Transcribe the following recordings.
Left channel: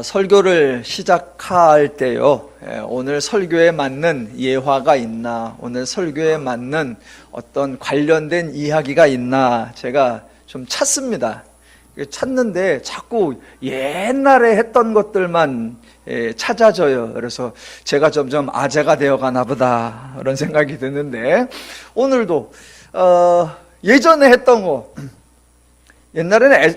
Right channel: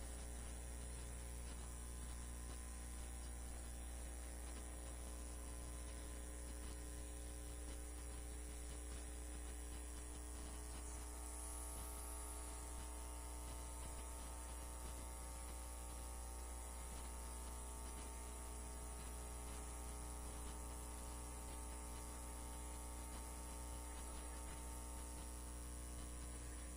설교를 시작할 때요, 오늘 설교에 맞는 예화가 있나, 오늘 설교에 맞는 어떤 관련된 이야기가 있나 제가 좀 찾습니다. 찾는데 자꾸 옛날에 했던 것들만 찾아져요. 그래서 제가 점점 아재가 되어가나 보다 그런 생각이 드는데, 오늘도 예전에 했던 거, 옛날에는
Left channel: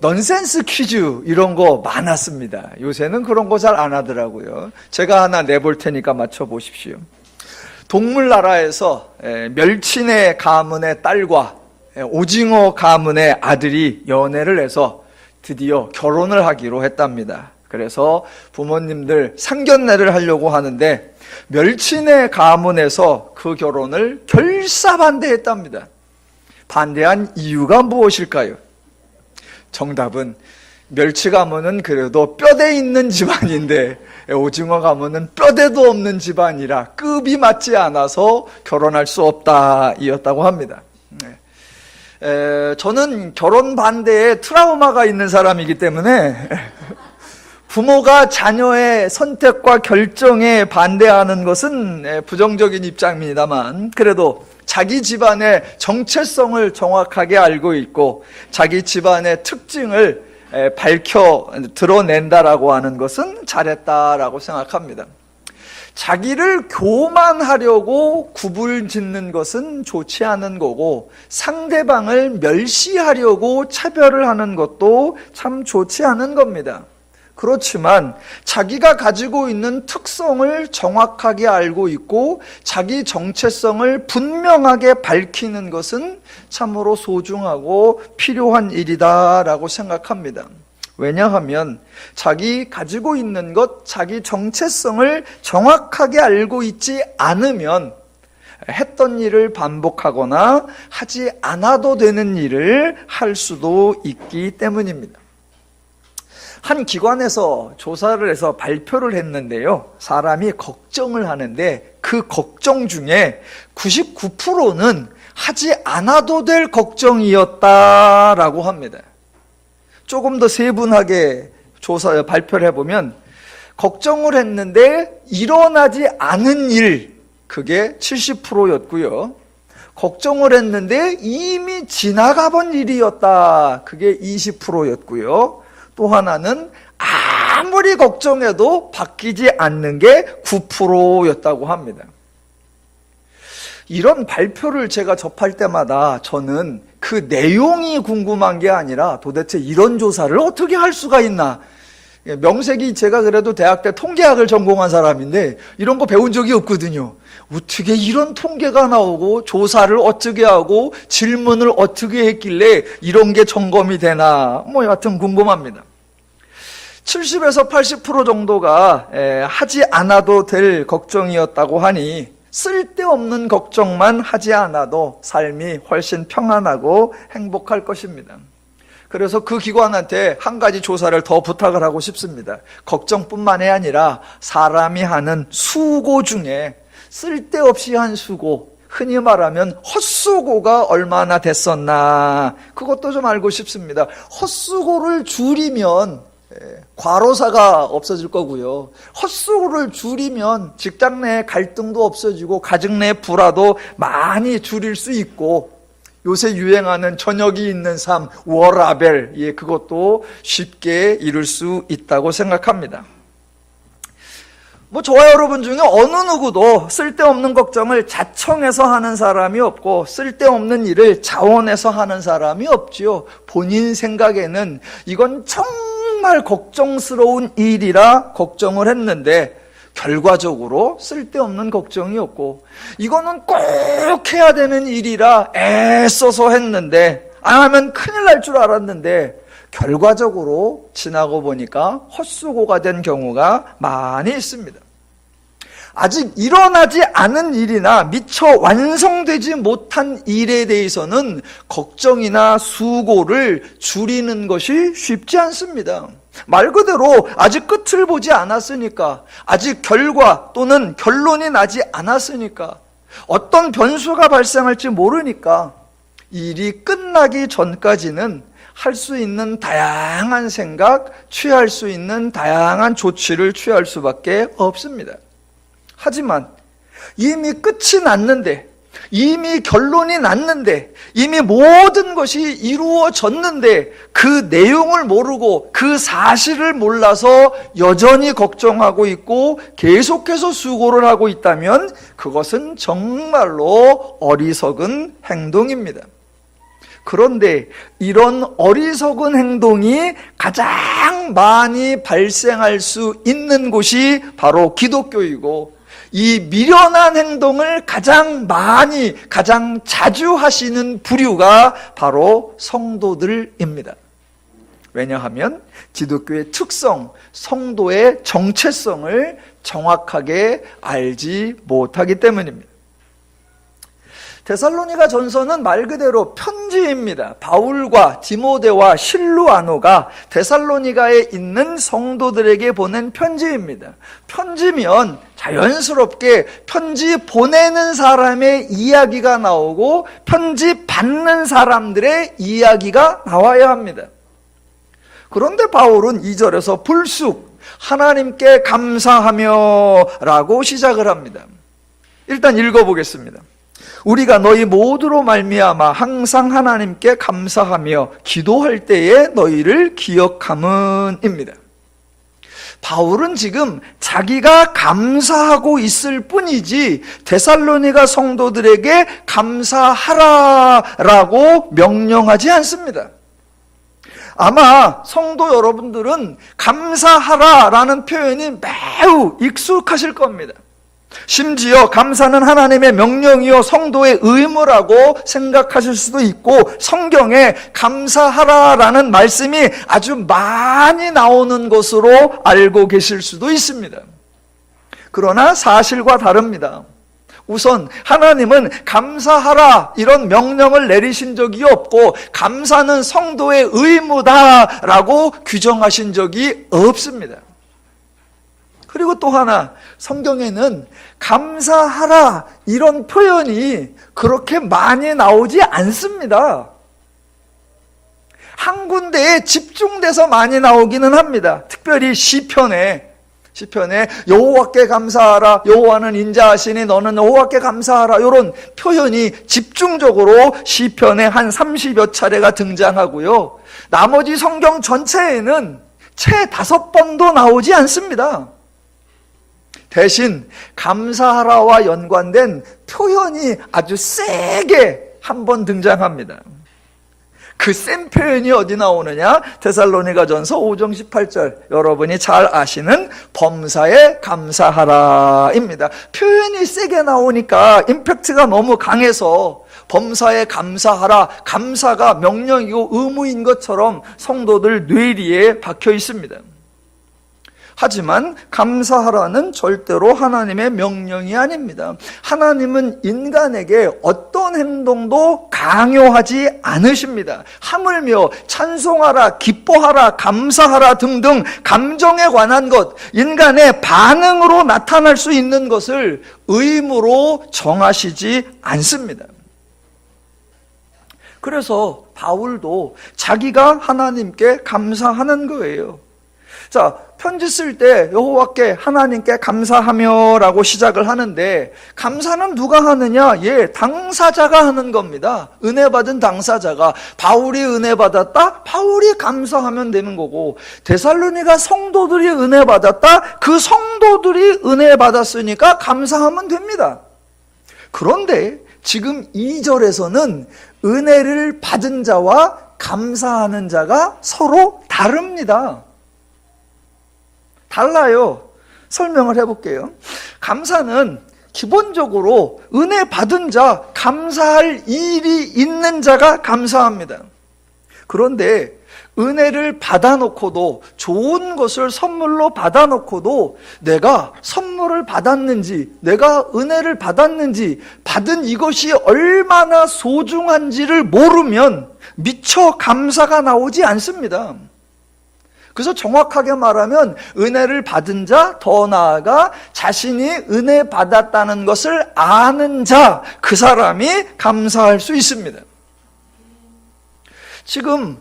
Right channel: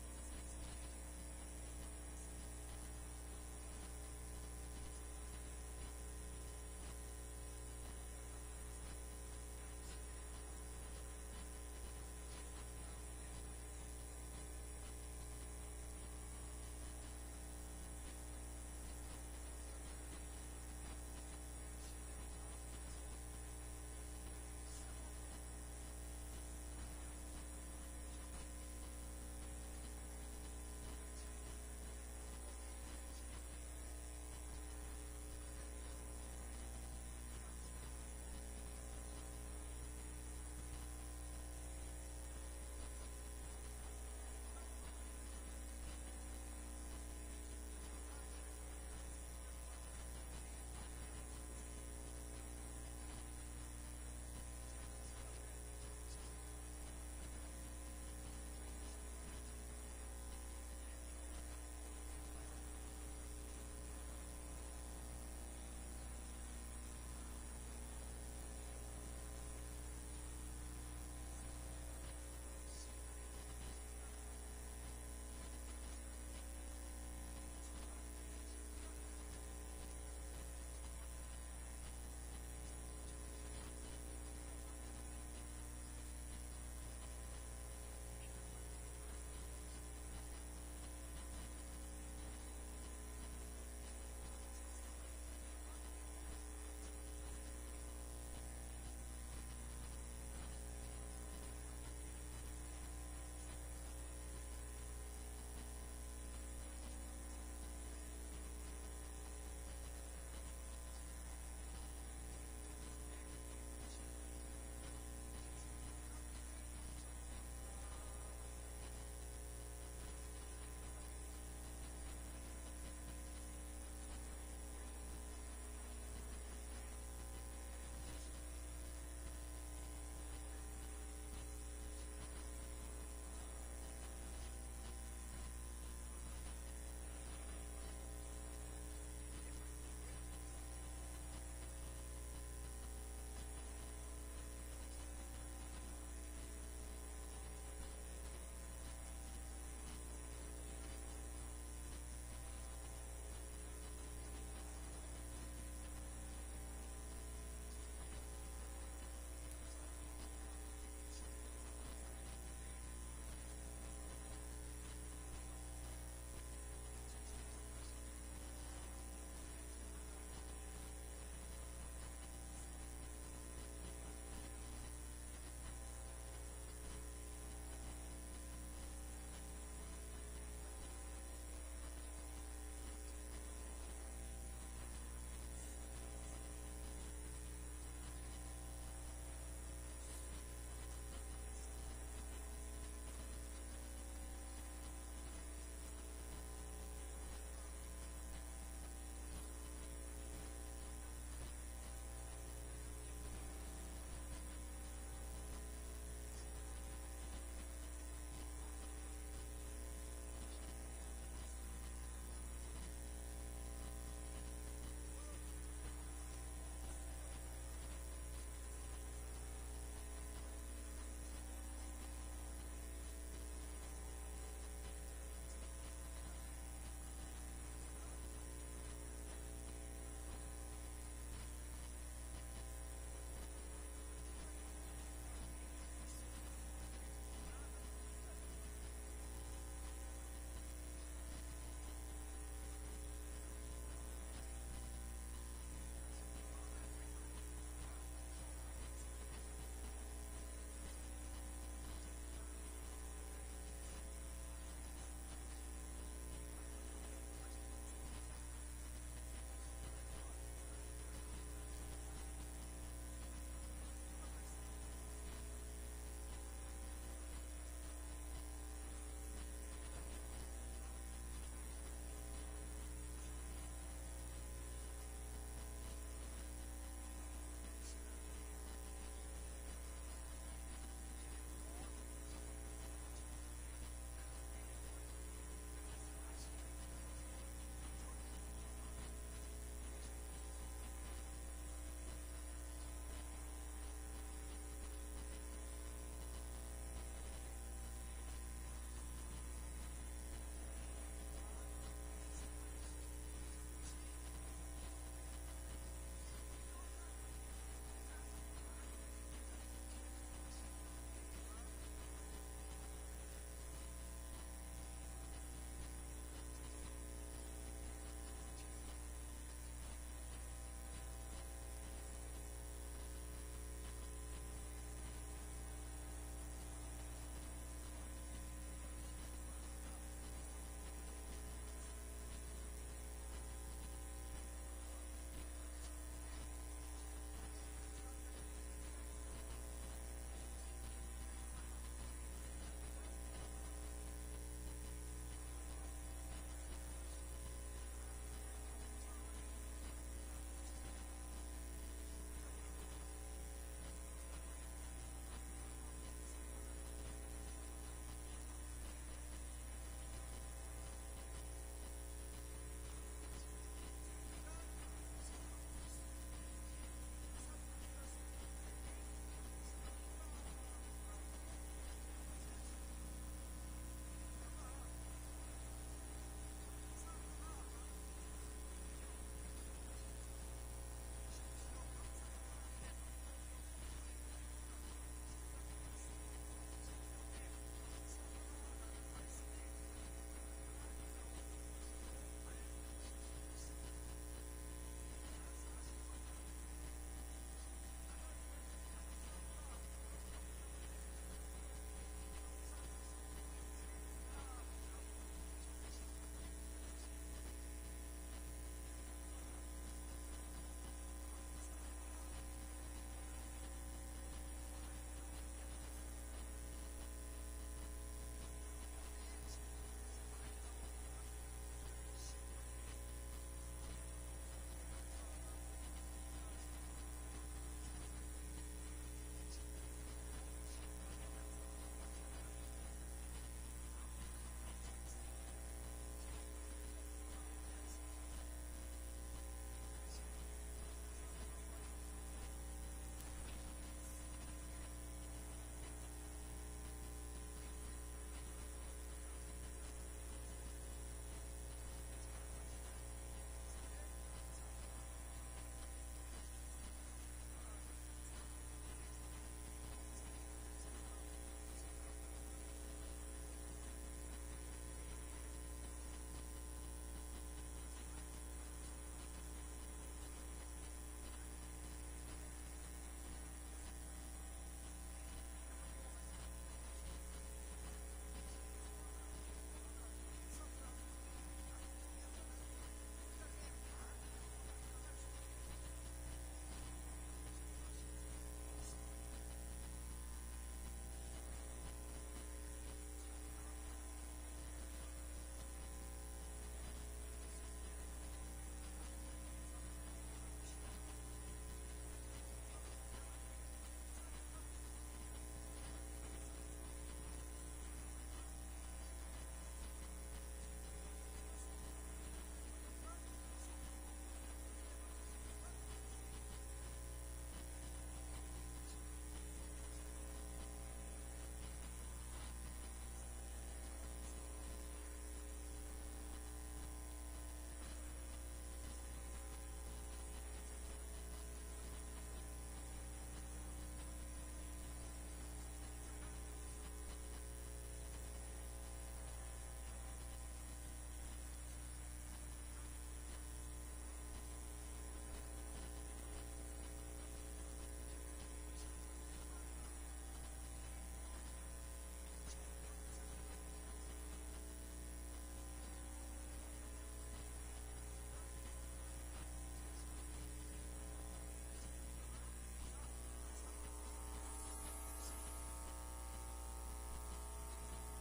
넌센스 퀴즈 이런 거 많았습니다. 요새는 그런 거 잘 안 하더라고요. 제가 하나 내볼 테니까 맞춰보십시오. 동물나라에서 멸치네 가문의 딸과 오징어 가문의 아들이 연애를 해서 드디어 결혼을 하기로 했답니다. 그래서 부모님들 상견례를 하려고 하는데 멸치네 가문에서 그 결혼을 결사반대했답니다. 반대한 이유가 무엇일까요? 정답은 멸치 가문은 그래도 뼈대 있는 집안인데 오징어 가문은 뼈대도 없는 집안이라 급이 맞지 않아서 결혼할 수 없다 이었다고 합니다. 저는 결혼 반대에 트라우마가 있는 사람이기 때문에 부모가 자녀의 선택과 결정에 반대하는 것은 부정적인 입장입니다만, 그래도 자기 집안의 정체성을 정확하게 알고 있고 자기 집안의 특징을 밝혀 드러낸다라고 하는 것은 잘했다라고 생각합니다. 자기를 교만하려고 굽을 짓는 것은 좋지 않은 거고, 상대방을 멸시하려고 차별을 하는 것도 참 좋지 않은 겁니다. 그렇지만 자기가 가지고 있는 특성을 정확하게 알고 있고 자기 정체성을 분명하게 밝히는 것은 참으로 소중하고 필요한 일이다라고 생각합니다. 왜냐하면 자기 가지고 있는 것, 자기 정체성을 정확하게 알고 있지 않으면 했던 일을 반복하거나 하지 않아도 되는 일을 할 수도 있기 때문입니다. 한 기관에서 조사를 해서 발표를 했는데요, 사람이 걱정을 하는데 그 걱정 중에 99%는 하지 않아도 될 걱정이었다라고 합니다. 조금 더 세분하게 발표를 해보면 걱정을 했는데 일어나지 않은 일, 그게 70%였고요 걱정을 했는데 이미 지나가 본 일이었다, 그게 20%였고요 또 하나는 아무리 걱정해도 바뀌지 않는 게 9%였다고 합니다. 이런 발표를 제가 접할 때마다 저는 그 내용이 궁금한 게 아니라 도대체 이런 조사를 어떻게 할 수가 있나. 명색이 제가 그래도 대학 때 통계학을 전공한 사람인데 이런 거 배운 적이 없거든요. 어떻게 이런 통계가 나오고 조사를 어떻게 하고 질문을 어떻게 했길래 이런 게 점검이 되나, 여하튼 궁금합니다. 70에서 80% 정도가 하지 않아도 될 걱정이었다고 하니 쓸데없는 걱정만 하지 않아도 삶이 훨씬 평안하고 행복할 것입니다. 그래서 그 기관한테 한 가지 조사를 더 부탁을 하고 싶습니다. 걱정뿐만이 아니라 사람이 하는 수고 중에 쓸데없이 한 수고, 흔히 말하면 헛수고가 얼마나 됐었나, 그것도 좀 알고 싶습니다. 헛수고를 줄이면 과로사가 없어질 거고요, 헛수고를 줄이면 직장 내 갈등도 없어지고 가정 내 불화도 많이 줄일 수 있고, 요새 유행하는 저녁이 있는 삶, 워라벨, 그것도 쉽게 이룰 수 있다고 생각합니다. 저와 여러분 중에 어느 누구도 쓸데없는 걱정을 자청해서 하는 사람이 없고 쓸데없는 일을 자원해서 하는 사람이 없지요. 본인 생각에는 이건 정말 걱정스러운 일이라 걱정을 했는데 결과적으로 쓸데없는 걱정이었고, 이거는 꼭 해야 되는 일이라 애써서 했는데 안 하면 큰일 날 줄 알았는데 결과적으로 지나고 보니까 헛수고가 된 경우가 많이 있습니다. 아직 일어나지 않은 일이나 미처 완성되지 못한 일에 대해서는 걱정이나 수고를 줄이는 것이 쉽지 않습니다. 말 그대로 아직 끝을 보지 않았으니까, 아직 결과 또는 결론이 나지 않았으니까, 어떤 변수가 발생할지 모르니까 일이 끝나기 전까지는 할 수 있는 다양한 생각, 취할 수 있는 다양한 조치를 취할 수밖에 없습니다. 하지만 이미 끝이 났는데, 이미 결론이 났는데, 이미 모든 것이 이루어졌는데 그 내용을 모르고 그 사실을 몰라서 여전히 걱정하고 있고 계속해서 수고를 하고 있다면 그것은 정말로 어리석은 행동입니다. 그런데 이런 어리석은 행동이 가장 많이 발생할 수 있는 곳이 바로 기독교이고, 이 미련한 행동을 가장 많이, 가장 자주 하시는 부류가 바로 성도들입니다. 왜냐하면 기독교의 특성, 성도의 정체성을 정확하게 알지 못하기 때문입니다. 데살로니가 전서는 말 그대로 편지입니다. 바울과 디모데와 실루아노가 데살로니가에 있는 성도들에게 보낸 편지입니다. 편지면 자연스럽게 편지 보내는 사람의 이야기가 나오고 편지 받는 사람들의 이야기가 나와야 합니다. 그런데 바울은 2절에서 불쑥 하나님께 감사하며 라고 시작을 합니다. 일단 읽어보겠습니다. 우리가 너희 모두로 말미암아 항상 하나님께 감사하며 기도할 때에 너희를 기억함은입니다. 바울은 지금 자기가 감사하고 있을 뿐이지 데살로니가 성도들에게 감사하라라고 명령하지 않습니다. 아마 성도 여러분들은 감사하라라는 표현이 매우 익숙하실 겁니다. 심지어 감사는 하나님의 명령이요 성도의 의무라고 생각하실 수도 있고, 성경에 감사하라라는 말씀이 아주 많이 나오는 것으로 알고 계실 수도 있습니다. 그러나 사실과 다릅니다. 우선 하나님은 감사하라 이런 명령을 내리신 적이 없고, 감사는 성도의 의무다라고 규정하신 적이 없습니다. 그리고 또 하나, 성경에는 감사하라 이런 표현이 그렇게 많이 나오지 않습니다. 한 군데에 집중돼서 많이 나오기는 합니다. 특별히 시편에 여호와께 감사하라, 여호와는 인자하시니 너는 여호와께 감사하라, 이런 표현이 집중적으로 시편에 한 30여 차례가 등장하고요. 나머지 성경 전체에는 채 5번도 나오지 않습니다. 대신 감사하라와 연관된 표현이 아주 세게 한 번 등장합니다. 그 센 표현이 어디 나오느냐? 데살로니가전서 5장 18절, 여러분이 잘 아시는 범사에 감사하라입니다. 표현이 세게 나오니까 임팩트가 너무 강해서 범사에 감사하라, 감사가 명령이고 의무인 것처럼 성도들 뇌리에 박혀 있습니다. 하지만 감사하라는 절대로 하나님의 명령이 아닙니다. 하나님은 인간에게 어떤 행동도 강요하지 않으십니다. 하물며 찬송하라, 기뻐하라, 감사하라 등등 감정에 관한 것, 인간의 반응으로 나타날 수 있는 것을 의무로 정하시지 않습니다. 그래서 바울도 자기가 하나님께 감사하는 거예요. 자, 편지 쓸 때 여호와께 하나님께 감사하며 라고 시작을 하는데, 감사는 누가 하느냐? 당사자가 하는 겁니다. 은혜 받은 당사자가. 바울이 은혜 받았다? 바울이 감사하면 되는 거고, 데살로니가 성도들이 은혜 받았다? 그 성도들이 은혜 받았으니까 감사하면 됩니다. 그런데 지금 2절에서는 은혜를 받은 자와 감사하는 자가 서로 다릅니다. 달라요. 설명을 해볼게요. 감사는 기본적으로 은혜 받은 자, 감사할 일이 있는 자가 감사합니다. 그런데 은혜를 받아놓고도, 좋은 것을 선물로 받아놓고도 내가 선물을 받았는지, 내가 은혜를 받았는지, 받은 이것이 얼마나 소중한지를 모르면 미처 감사가 나오지 않습니다. 그래서 정확하게 말하면 은혜를 받은 자, 더 나아가 자신이 은혜 받았다는 것을 아는 자, 그 사람이 감사할 수 있습니다. 지금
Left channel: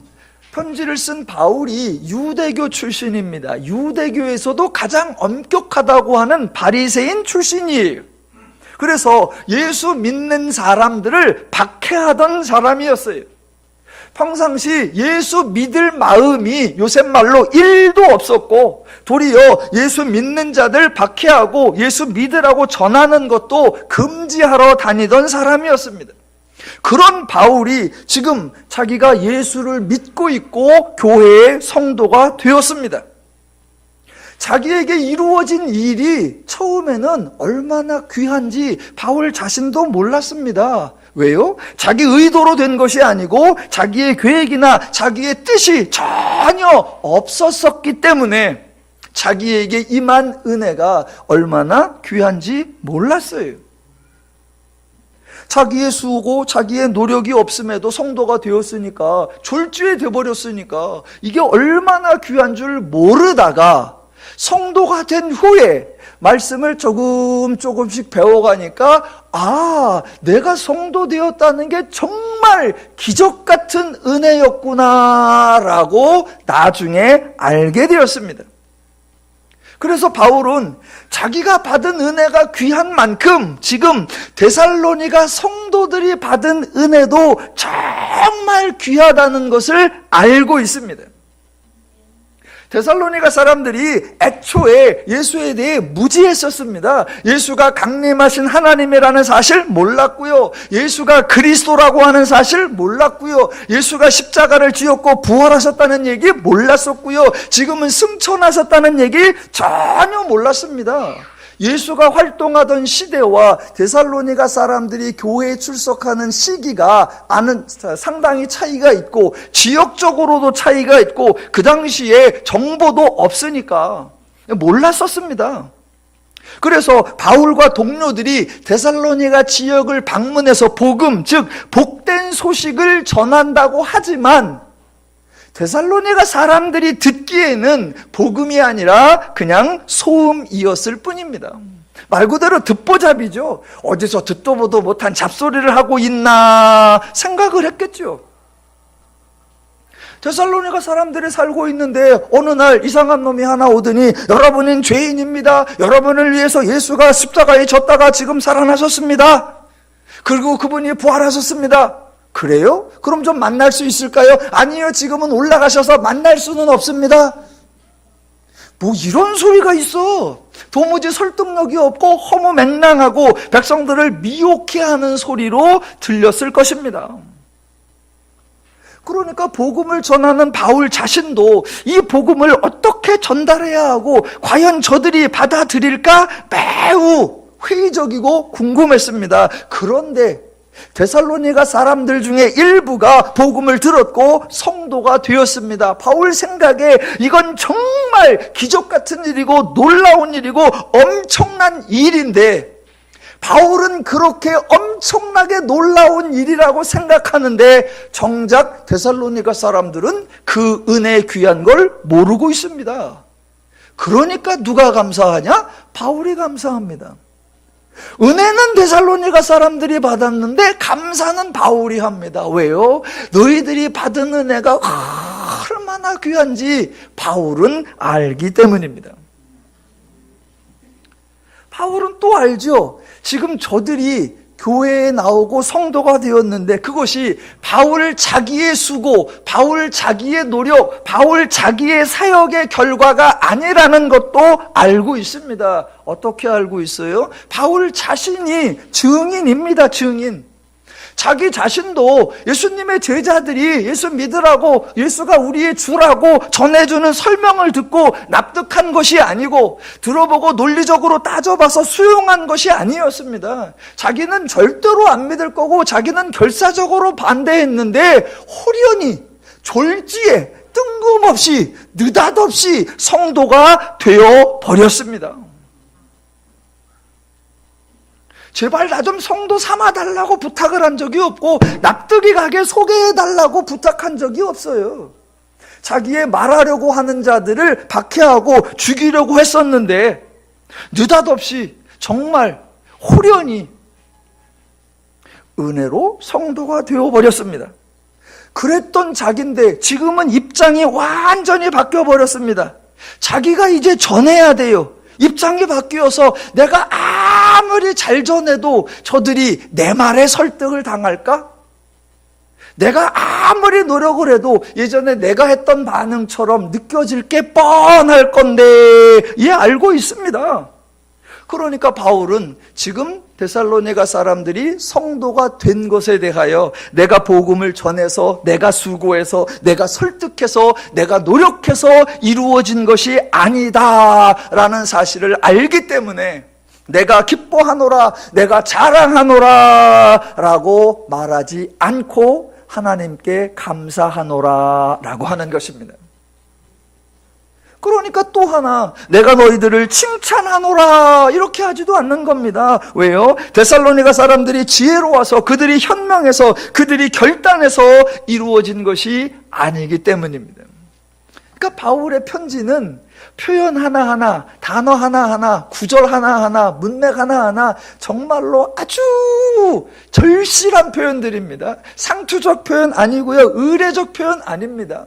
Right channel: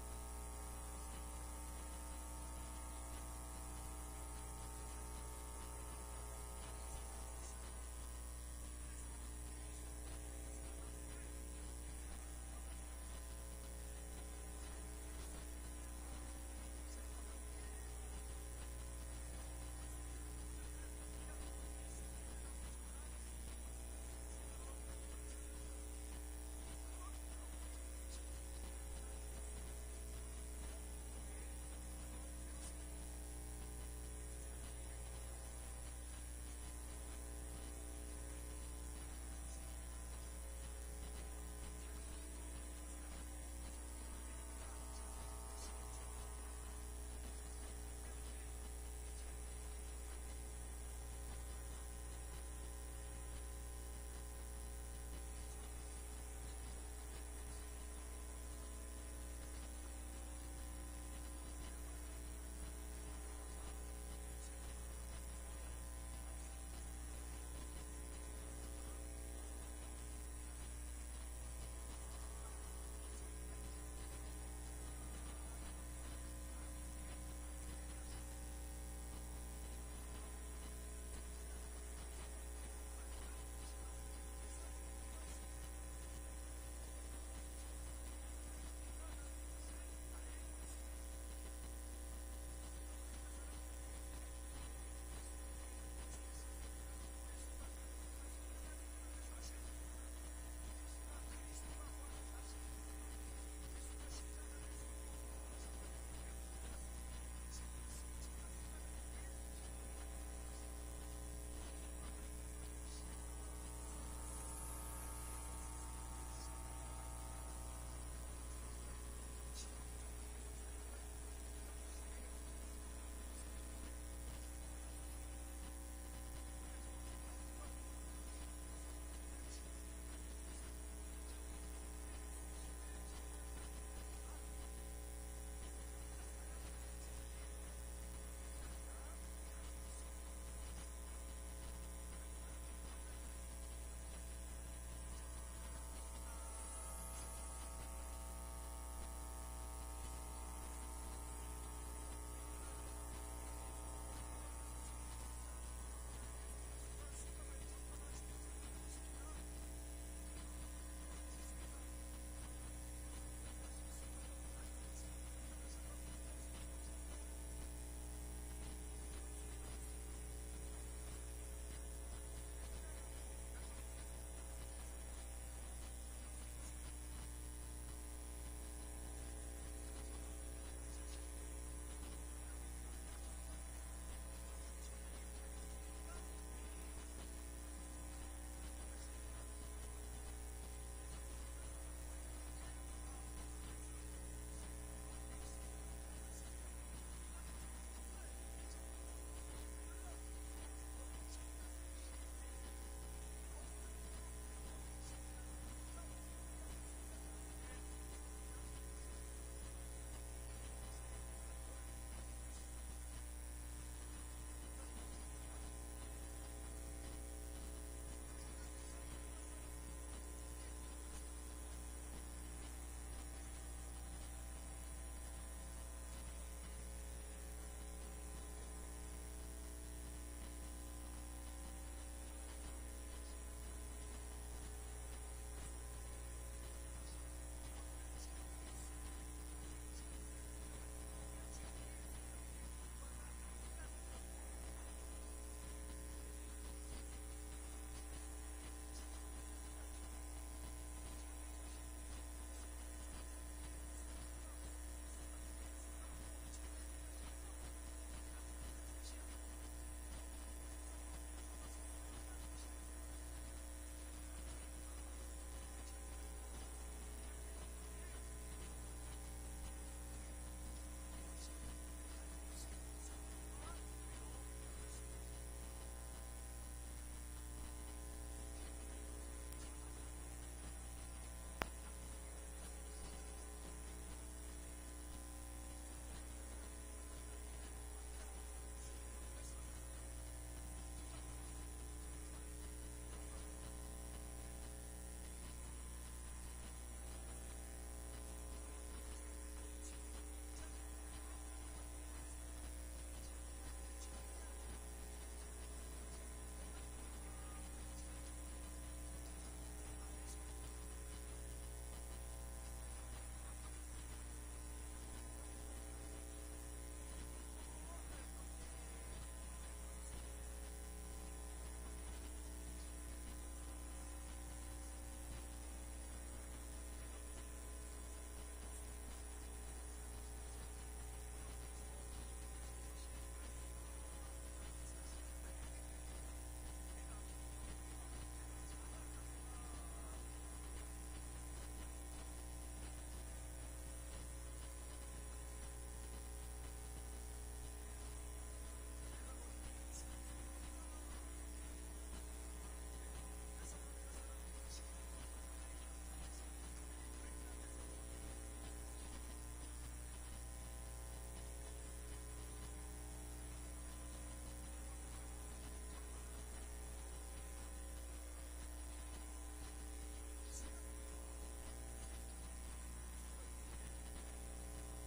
편지를 쓴 바울이 유대교 출신입니다. 유대교에서도 가장 엄격하다고 하는 바리새인 출신이에요. 그래서 예수 믿는 사람들을 박해하던 사람이었어요. 평상시 예수 믿을 마음이 요새 말로 1도 없었고, 도리어 예수 믿는 자들 박해하고 예수 믿으라고 전하는 것도 금지하러 다니던 사람이었습니다. 그런 바울이 지금 자기가 예수를 믿고 있고 교회의 성도가 되었습니다. 자기에게 이루어진 일이 처음에는 얼마나 귀한지 바울 자신도 몰랐습니다. 왜요? 자기 의도로 된 것이 아니고 자기의 계획이나 자기의 뜻이 전혀 없었기 때문에 자기에게 임한 은혜가 얼마나 귀한지 몰랐어요. 자기의 수고, 자기의 노력이 없음에도 성도가 되었으니까, 졸지에 되어버렸으니까 이게 얼마나 귀한 줄 모르다가 성도가 된 후에 말씀을 조금씩 배워가니까, 아, 내가 성도 되었다는 게 정말 기적 같은 은혜였구나라고 나중에 알게 되었습니다. 그래서 바울은 자기가 받은 은혜가 귀한 만큼 지금 데살로니가 성도들이 받은 은혜도 정말 귀하다는 것을 알고 있습니다. 데살로니가 사람들이 애초에 예수에 대해 무지했었습니다. 예수가 강림하신 하나님이라는 사실 몰랐고요. 예수가 그리스도라고 하는 사실 몰랐고요. 예수가 십자가를 지었고 부활하셨다는 얘기 몰랐었고요. 지금은 승천하셨다는 얘기 전혀 몰랐습니다. 예수가 활동하던 시대와 데살로니가 사람들이 교회에 출석하는 시기가 상당히 차이가 있고, 지역적으로도 차이가 있고, 그 당시에 정보도 없으니까 몰랐었습니다. 그래서 바울과 동료들이 데살로니가 지역을 방문해서 복음, 즉 복된 소식을 전한다고 하지만 데살로니가 사람들이 듣기에는 복음이 아니라 그냥 소음이었을 뿐입니다. 말 그대로 듣보잡이죠. 어디서 듣도 보도 못한 잡소리를 하고 있나 생각을 했겠죠. 데살로니가 사람들이 살고 있는데 어느 날 이상한 놈이 하나 오더니, 여러분은 죄인입니다. 여러분을 위해서 예수가 십자가에 졌다가 지금 살아나셨습니다. 그리고 그분이 부활하셨습니다. 그래요? 그럼 좀 만날 수 있을까요? 아니요, 지금은 올라가셔서 만날 수는 없습니다. 뭐 이런 소리가 있어. 도무지 설득력이 없고 허무맹랑하고 백성들을 미혹해 하는 소리로 들렸을 것입니다. 그러니까 복음을 전하는 바울 자신도 이 복음을 어떻게 전달해야 하고 과연 저들이 받아들일까 매우 회의적이고 궁금했습니다. 그런데 데살로니가 사람들 중에 일부가 복음을 들었고 성도가 되었습니다. 바울 생각에 이건 정말 기적 같은 일이고 놀라운 일이고 엄청난 일인데, 바울은 그렇게 엄청나게 놀라운 일이라고 생각하는데 정작 데살로니가 사람들은 그 은혜의 귀한 걸 모르고 있습니다. 그러니까 누가 감사하냐? 바울이 감사합니다. 은혜는 데살로니가 사람들이 받았는데 감사는 바울이 합니다. 왜요? 너희들이 받은 은혜가 얼마나 귀한지 바울은 알기 때문입니다. 바울은 또 알죠. 지금 저들이 교회에 나오고 성도가 되었는데 그것이 바울 자기의 수고, 바울 자기의 노력, 바울 자기의 사역의 결과가 아니라는 것도 알고 있습니다. 어떻게 알고 있어요? 바울 자신이 증인입니다. 증인. 자기 자신도 예수님의 제자들이 예수 믿으라고, 예수가 우리의 주라고 전해주는 설명을 듣고 납득한 것이 아니고, 들어보고 논리적으로 따져봐서 수용한 것이 아니었습니다. 자기는 절대로 안 믿을 거고 자기는 결사적으로 반대했는데 호련히 졸지에 뜬금없이 느닷없이 성도가 되어 버렸습니다. 제발 나 좀 성도 삼아달라고 부탁을 한 적이 없고 납득이 가게 소개해달라고 부탁한 적이 없어요. 자기의 말하려고 하는 자들을 박해하고 죽이려고 했었는데 느닷없이 정말 호련히 은혜로 성도가 되어버렸습니다. 그랬던 자기인데 지금은 입장이 완전히 바뀌어 버렸습니다. 자기가 이제 전해야 돼요. 입장이 바뀌어서 내가 아무리 잘 전해도 저들이 내 말에 설득을 당할까? 내가 아무리 노력을 해도 예전에 내가 했던 반응처럼 느껴질 게 뻔할 건데 알고 있습니다. 그러니까 바울은 지금 데살로니가 사람들이 성도가 된 것에 대하여 내가 복음을 전해서 내가 수고해서 내가 설득해서 내가 노력해서 이루어진 것이 아니다라는 사실을 알기 때문에 내가 기뻐하노라, 내가 자랑하노라 라고 말하지 않고 하나님께 감사하노라 라고 하는 것입니다. 그러니까 또 하나, 내가 너희들을 칭찬하노라 이렇게 하지도 않는 겁니다. 왜요? 데살로니가 사람들이 지혜로워서 그들이 현명해서 그들이 결단해서 이루어진 것이 아니기 때문입니다. 그러니까 바울의 편지는 표현 하나하나, 단어 하나하나, 구절 하나하나, 문맥 하나하나 정말로 아주 절실한 표현들입니다. 상투적 표현 아니고요, 의례적 표현 아닙니다.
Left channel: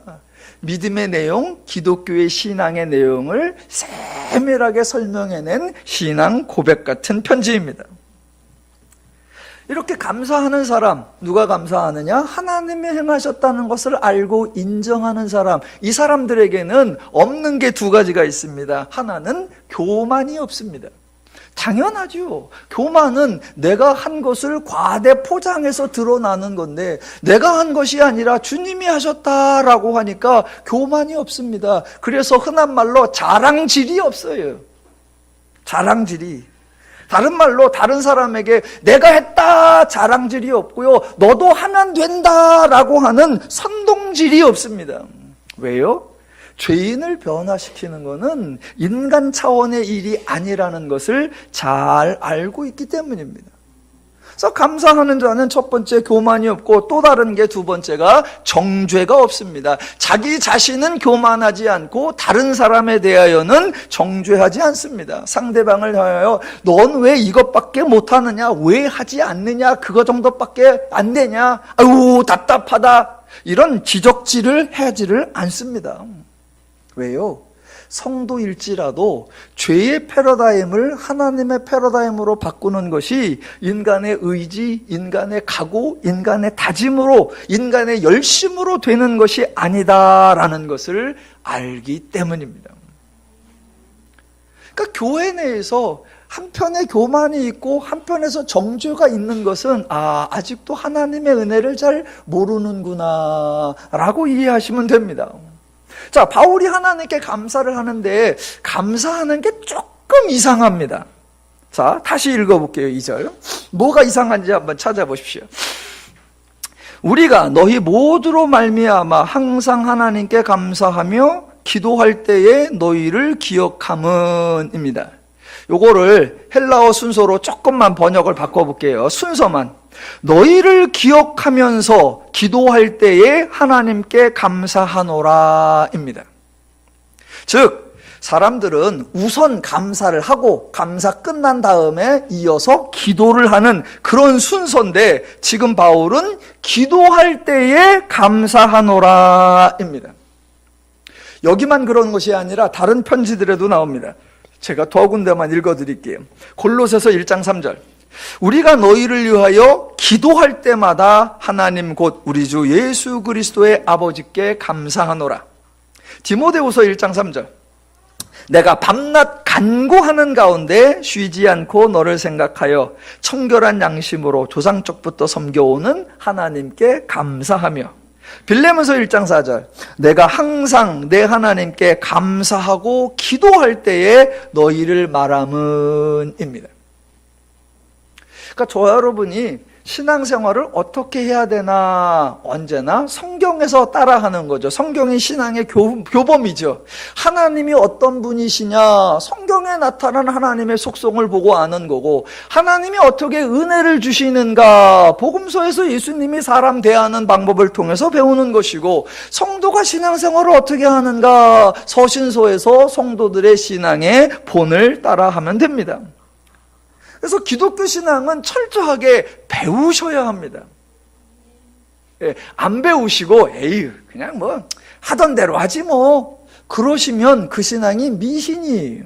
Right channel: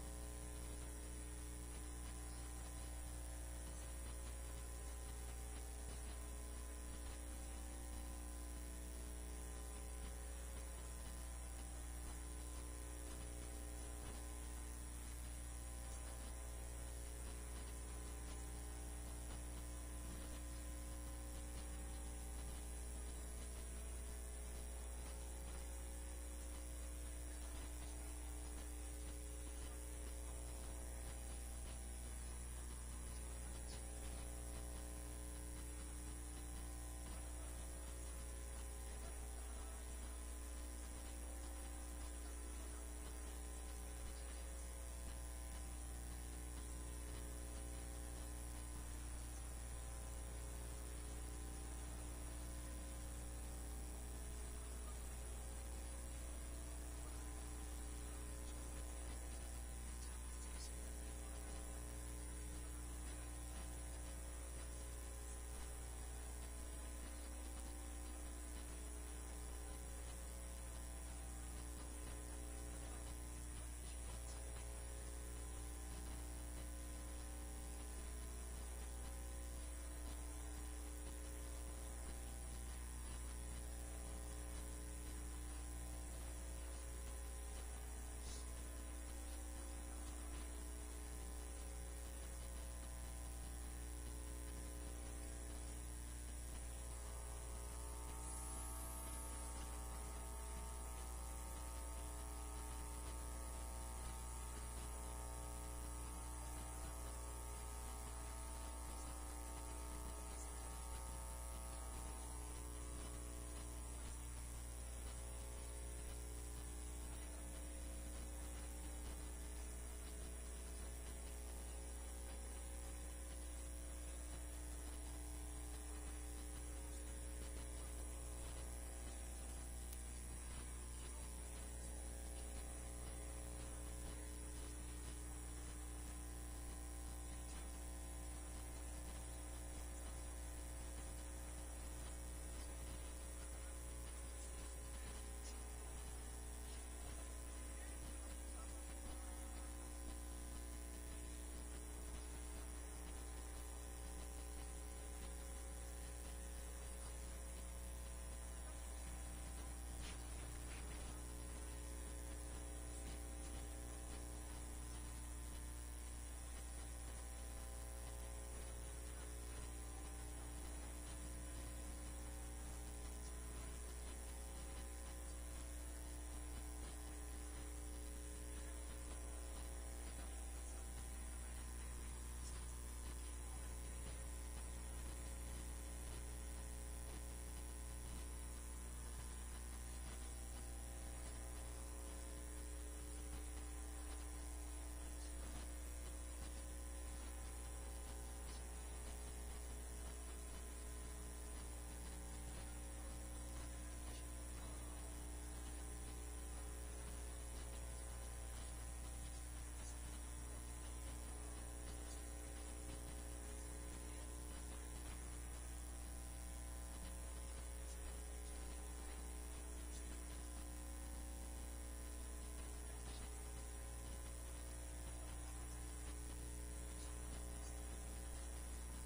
믿음의 내용, 기독교의 신앙의 내용을 세밀하게 설명해낸 신앙 고백 같은 편지입니다. 이렇게 감사하는 사람, 누가 감사하느냐? 하나님이 행하셨다는 것을 알고 인정하는 사람. 이 사람들에게는 없는 게 두 가지가 있습니다. 하나는 교만이 없습니다. 당연하죠. 교만은 내가 한 것을 과대 포장해서 드러나는 건데 내가 한 것이 아니라 주님이 하셨다라고 하니까 교만이 없습니다. 그래서 흔한 말로 자랑질이 없어요. 자랑질이. 다른 말로 다른 사람에게 내가 했다 자랑질이 없고요, 너도 하면 된다라고 하는 선동질이 없습니다. 왜요? 죄인을 변화시키는 것은 인간 차원의 일이 아니라는 것을 잘 알고 있기 때문입니다. 그래서 감사하는 자는 첫 번째 교만이 없고, 또 다른 게 두 번째가 정죄가 없습니다. 자기 자신은 교만하지 않고 다른 사람에 대하여는 정죄하지 않습니다. 상대방을 하여 넌 왜 이것밖에 못하느냐, 왜 하지 않느냐, 그거 정도밖에 안 되냐, 아유 답답하다, 이런 지적질을 하지를 않습니다. 왜요? 성도일지라도 죄의 패러다임을 하나님의 패러다임으로 바꾸는 것이 인간의 의지, 인간의 각오, 인간의 다짐으로, 인간의 열심으로 되는 것이 아니다라는 것을 알기 때문입니다. 그러니까 교회 내에서 한편에 교만이 있고 한편에서 정죄가 있는 것은 아직도 하나님의 은혜를 잘 모르는구나 라고 이해하시면 됩니다. 자, 바울이 하나님께 감사를 하는데 감사하는 게 조금 이상합니다. 자, 다시 읽어볼게요. 2절. 뭐가 이상한지 한번 찾아보십시오. 우리가 너희 모두로 말미암아 항상 하나님께 감사하며 기도할 때에 너희를 기억함은입니다. 요거를 헬라어 순서로 조금만 번역을 바꿔볼게요. 순서만. 너희를 기억하면서 기도할 때에 하나님께 감사하노라입니다. 즉 사람들은 우선 감사를 하고 감사 끝난 다음에 이어서 기도를 하는 그런 순서인데, 지금 바울은 기도할 때에 감사하노라입니다. 여기만 그런 것이 아니라 다른 편지들에도 나옵니다. 제가 더 군데만 읽어드릴게요. 골로새서 1장 3절. 우리가 너희를 위하여 기도할 때마다 하나님 곧 우리 주 예수 그리스도의 아버지께 감사하노라. 디모데후서 1장 3절. 내가 밤낮 간구하는 가운데 쉬지 않고 너를 생각하여 청결한 양심으로 조상적부터 섬겨오는 하나님께 감사하며. 빌레몬서 1장 4절. 내가 항상 내 하나님께 감사하고 기도할 때에 너희를 말함은입니다. 그러니까 저와 여러분이 신앙생활을 어떻게 해야 되나, 언제나 성경에서 따라하는 거죠. 성경이 신앙의 교범이죠. 하나님이 어떤 분이시냐, 성경에 나타난 하나님의 속성을 보고 아는 거고, 하나님이 어떻게 은혜를 주시는가, 복음서에서 예수님이 사람 대하는 방법을 통해서 배우는 것이고, 성도가 신앙생활을 어떻게 하는가, 서신서에서 성도들의 신앙의 본을 따라하면 됩니다. 그래서 기독교 신앙은 철저하게 배우셔야 합니다. 안 배우시고 에이 그냥 뭐 하던 대로 하지 뭐 그러시면 그 신앙이 미신이에요.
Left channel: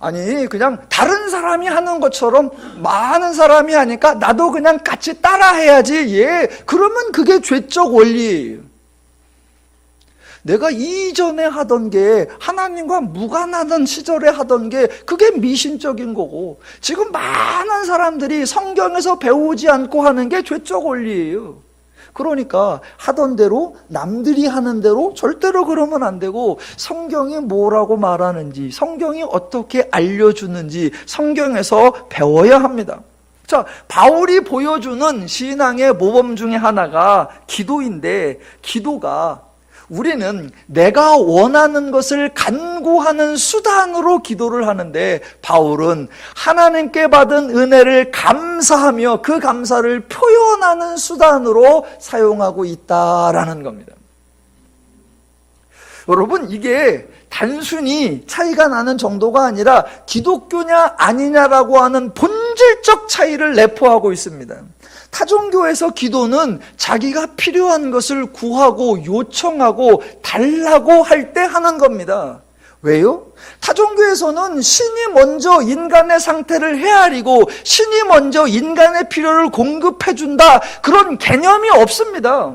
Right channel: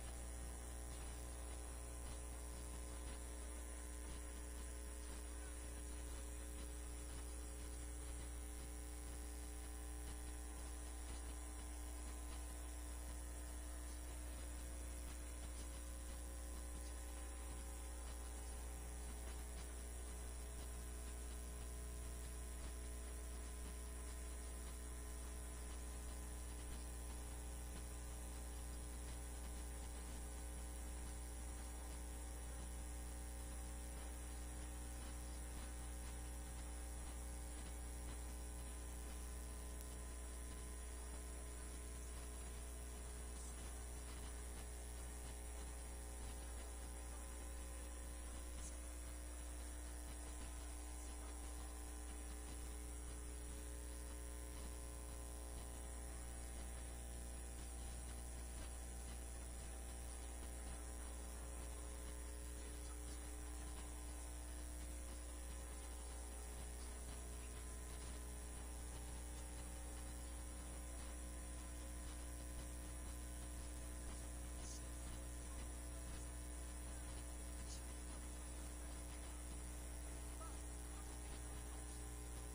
아니 그냥 다른 사람이 하는 것처럼 많은 사람이 하니까 나도 그냥 같이 따라 해야지. 그러면 그게 죄적 원리예요. 내가 이전에 하던 게 하나님과 무관하던 시절에 하던 게 그게 미신적인 거고, 지금 많은 사람들이 성경에서 배우지 않고 하는 게 죄적 원리예요. 그러니까 하던 대로 남들이 하는 대로 절대로 그러면 안 되고, 성경이 뭐라고 말하는지, 성경이 어떻게 알려주는지 성경에서 배워야 합니다. 자, 바울이 보여주는 신앙의 모범 중에 하나가 기도인데, 기도가 우리는 내가 원하는 것을 간구하는 수단으로 기도를 하는데, 바울은 하나님께 받은 은혜를 감사하며 그 감사를 표현하는 수단으로 사용하고 있다라는 겁니다. 여러분, 이게 단순히 차이가 나는 정도가 아니라 기독교냐 아니냐라고 하는 본질적 차이를 내포하고 있습니다. 타종교에서 기도는 자기가 필요한 것을 구하고 요청하고 달라고 할 때 하는 겁니다. 왜요? 타종교에서는 신이 먼저 인간의 상태를 헤아리고 신이 먼저 인간의 필요를 공급해준다, 그런 개념이 없습니다.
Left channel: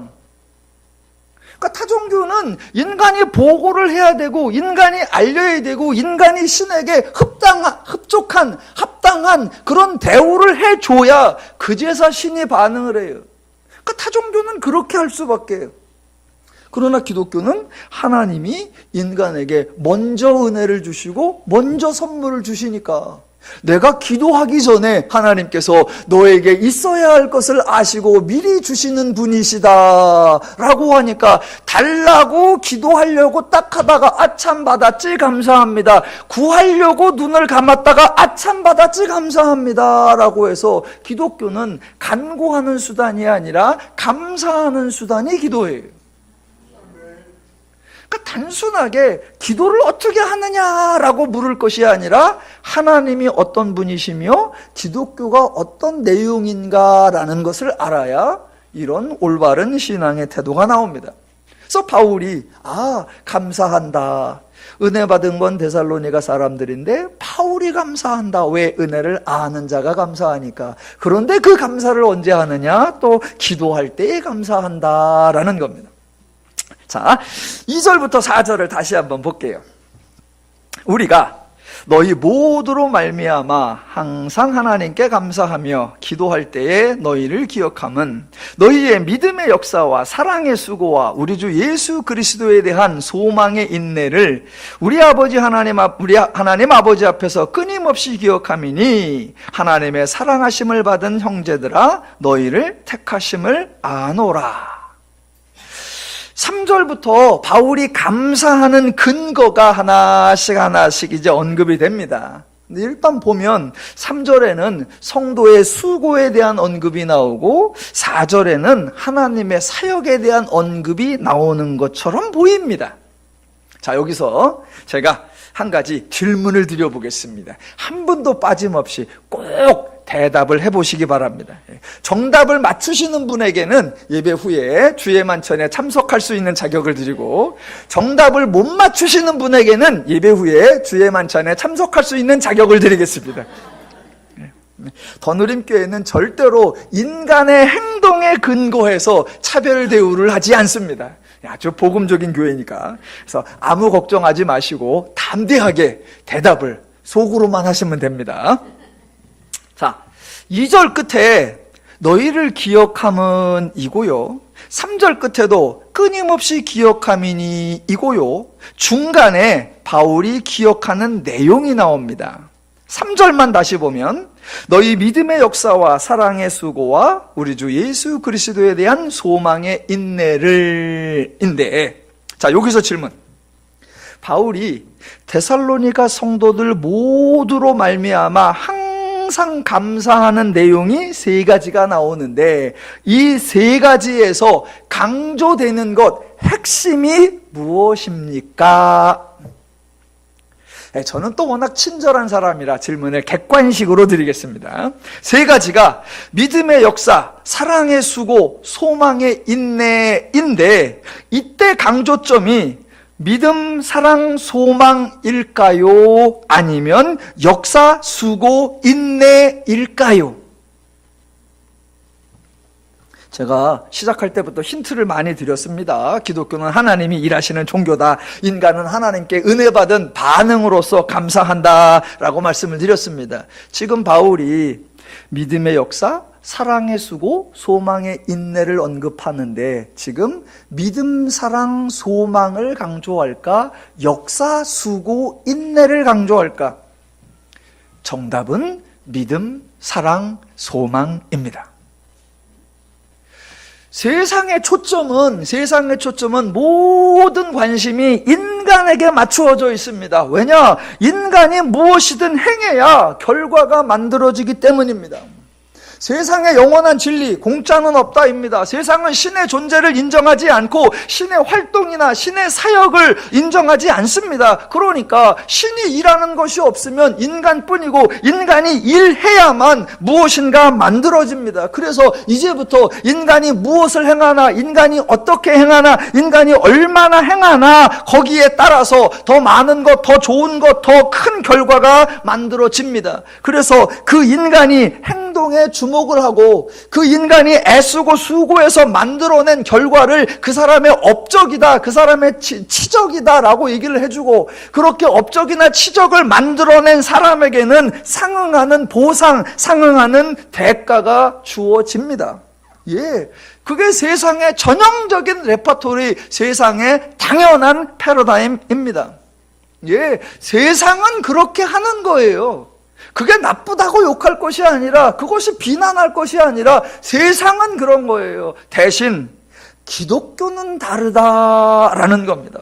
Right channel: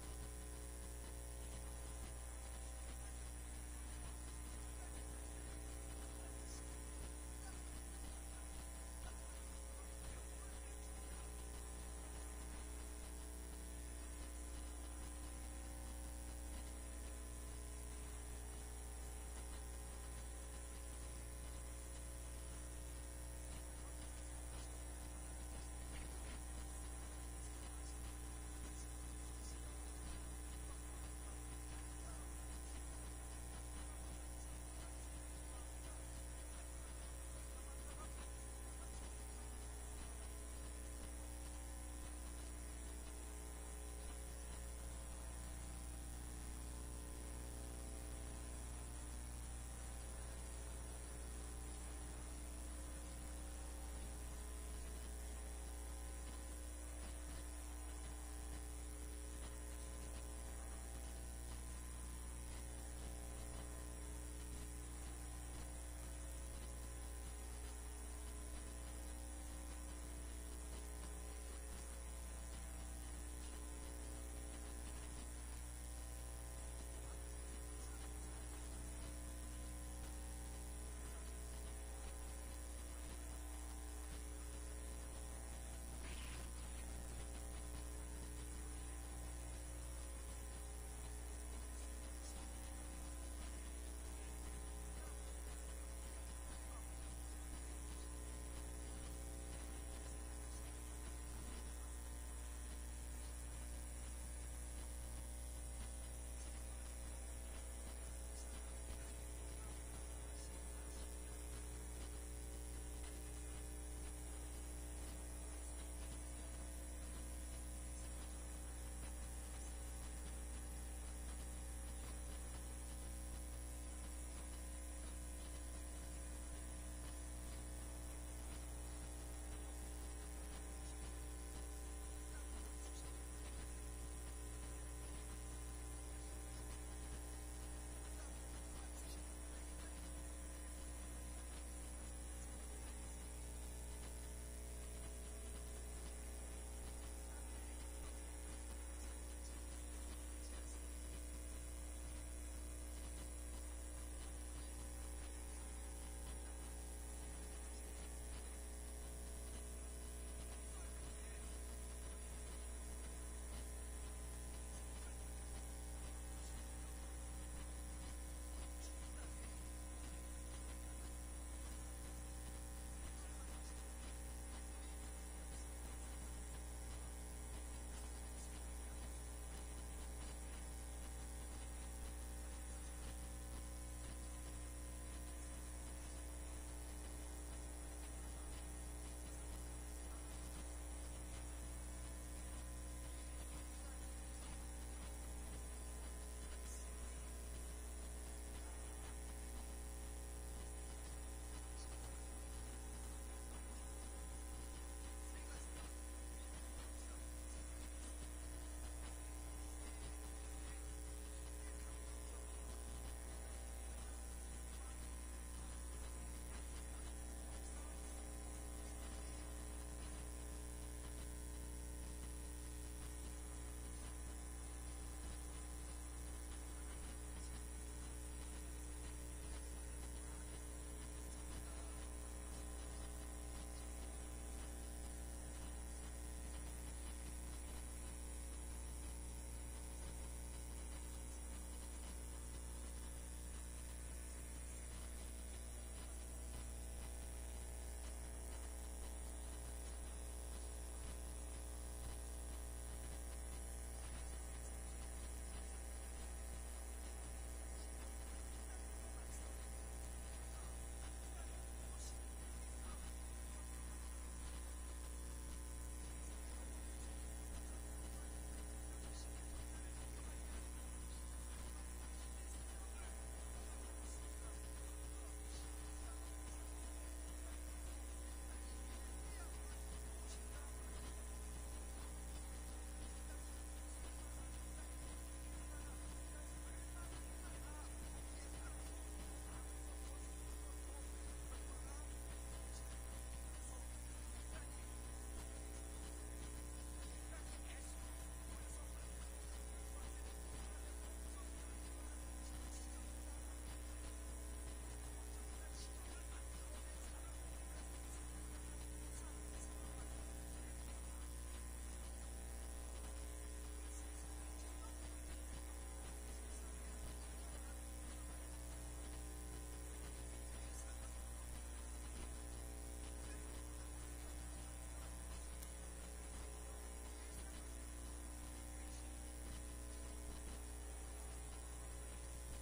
그러니까 타종교는 인간이 보고를 해야 되고 인간이 알려야 되고 인간이 신에게 흡족한 합당한 그런 대우를 해줘야 그제서 신이 반응을 해요. 그러니까 타종교는 그렇게 할 수밖에 해요. 그러나 기독교는 하나님이 인간에게 먼저 은혜를 주시고 먼저 선물을 주시니까, 내가 기도하기 전에 하나님께서 너에게 있어야 할 것을 아시고 미리 주시는 분이시다 라고 하니까, 달라고 기도하려고 딱 하다가 아참 받았지 감사합니다, 구하려고 눈을 감았다가 아참 받았지 감사합니다 라고 해서, 기독교는 간구하는 수단이 아니라 감사하는 수단이 기도예요. 그러니까 단순하게 기도를 어떻게 하느냐라고 물을 것이 아니라, 하나님이 어떤 분이시며 기독교가 어떤 내용인가라는 것을 알아야 이런 올바른 신앙의 태도가 나옵니다. 그래서 바울이 감사한다, 은혜 받은 건 데살로니가 사람들인데 바울이 감사한다. 왜? 은혜를 아는 자가 감사하니까. 그런데 그 감사를 언제 하느냐? 또 기도할 때에 감사한다라는 겁니다. 자, 2절부터 4절을 다시 한번 볼게요. 우리가 너희 모두로 말미암아 항상 하나님께 감사하며 기도할 때에 너희를 기억함은 너희의 믿음의 역사와 사랑의 수고와 우리 주 예수 그리스도에 대한 소망의 인내를 우리 하나님 아버지 앞에서 끊임없이 기억함이니, 하나님의 사랑하심을 받은 형제들아 너희를 택하심을 아노라. 3절부터 바울이 감사하는 근거가 하나씩 이제 언급이 됩니다. 일단 보면 3절에는 성도의 수고에 대한 언급이 나오고 4절에는 하나님의 사역에 대한 언급이 나오는 것처럼 보입니다. 자, 여기서 제가 한 가지 질문을 드려보겠습니다. 한 분도 빠짐없이 꼭 대답을 해보시기 바랍니다. 정답을 맞추시는 분에게는 예배 후에 주의 만찬에 참석할 수 있는 자격을 드리고, 정답을 못 맞추시는 분에게는 예배 후에 주의 만찬에 참석할 수 있는 자격을 드리겠습니다. 더누림교회는 절대로 인간의 행동에 근거해서 차별 대우를 하지 않습니다. 아주 복음적인 교회니까. 그래서 아무 걱정하지 마시고 담대하게 대답을 속으로만 하시면 됩니다. 자, 2절 끝에 너희를 기억함은 이고요, 3절 끝에도 끊임없이 기억함이니 이고요, 중간에 바울이 기억하는 내용이 나옵니다. 3절만 다시 보면 너희 믿음의 역사와 사랑의 수고와 우리 주 예수 그리스도에 대한 소망의 인내를 자, 여기서 질문. 바울이 데살로니가 성도들 모두로 말미암아 항상 감사하는 내용이 3가지가 나오는데, 이 3가지에서 강조되는 것, 핵심이 무엇입니까? 저는 또 워낙 친절한 사람이라 질문을 객관식으로 드리겠습니다. 세 가지가 믿음의 역사, 사랑의 수고, 소망의 인내인데, 이때 강조점이 믿음, 사랑, 소망일까요? 아니면 역사, 수고, 인내일까요? 제가 시작할 때부터 힌트를 많이 드렸습니다. 기독교는 하나님이 일하시는 종교다. 인간은 하나님께 은혜 받은 반응으로서 감사한다 라고 말씀을 드렸습니다. 지금 바울이 믿음의 역사, 사랑의 수고, 소망의 인내를 언급하는데, 지금 믿음, 사랑, 소망을 강조할까? 역사, 수고, 인내를 강조할까? 정답은 믿음, 사랑, 소망입니다. 세상의 초점은 모든 관심이 인간에게 맞추어져 있습니다. 왜냐? 인간이 무엇이든 행해야 결과가 만들어지기 때문입니다. 세상의 영원한 진리, 공짜는 없다입니다. 세상은 신의 존재를 인정하지 않고 신의 활동이나 신의 사역을 인정하지 않습니다. 그러니까 신이 일하는 것이 없으면 인간뿐이고, 인간이 일해야만 무엇인가 만들어집니다. 그래서 이제부터 인간이 무엇을 행하나, 인간이 어떻게 행하나, 인간이 얼마나 행하나, 거기에 따라서 더 많은 것, 더 좋은 것, 더 큰 결과가 만들어집니다. 그래서 그 인간이 행동에 주목을 하고, 그 인간이 애쓰고 수고해서 만들어낸 결과를 그 사람의 업적이다, 그 사람의 치적이다 라고 얘기를 해주고, 그렇게 업적이나 치적을 만들어낸 사람에게는 상응하는 보상, 상응하는 대가가 주어집니다. 예, 그게 세상의 전형적인 레퍼토리, 세상의 당연한 패러다임입니다. 예, 세상은 그렇게 하는 거예요. 그게 나쁘다고 욕할 것이 아니라, 그것이 비난할 것이 아니라, 세상은 그런 거예요. 대신 기독교는 다르다라는 겁니다.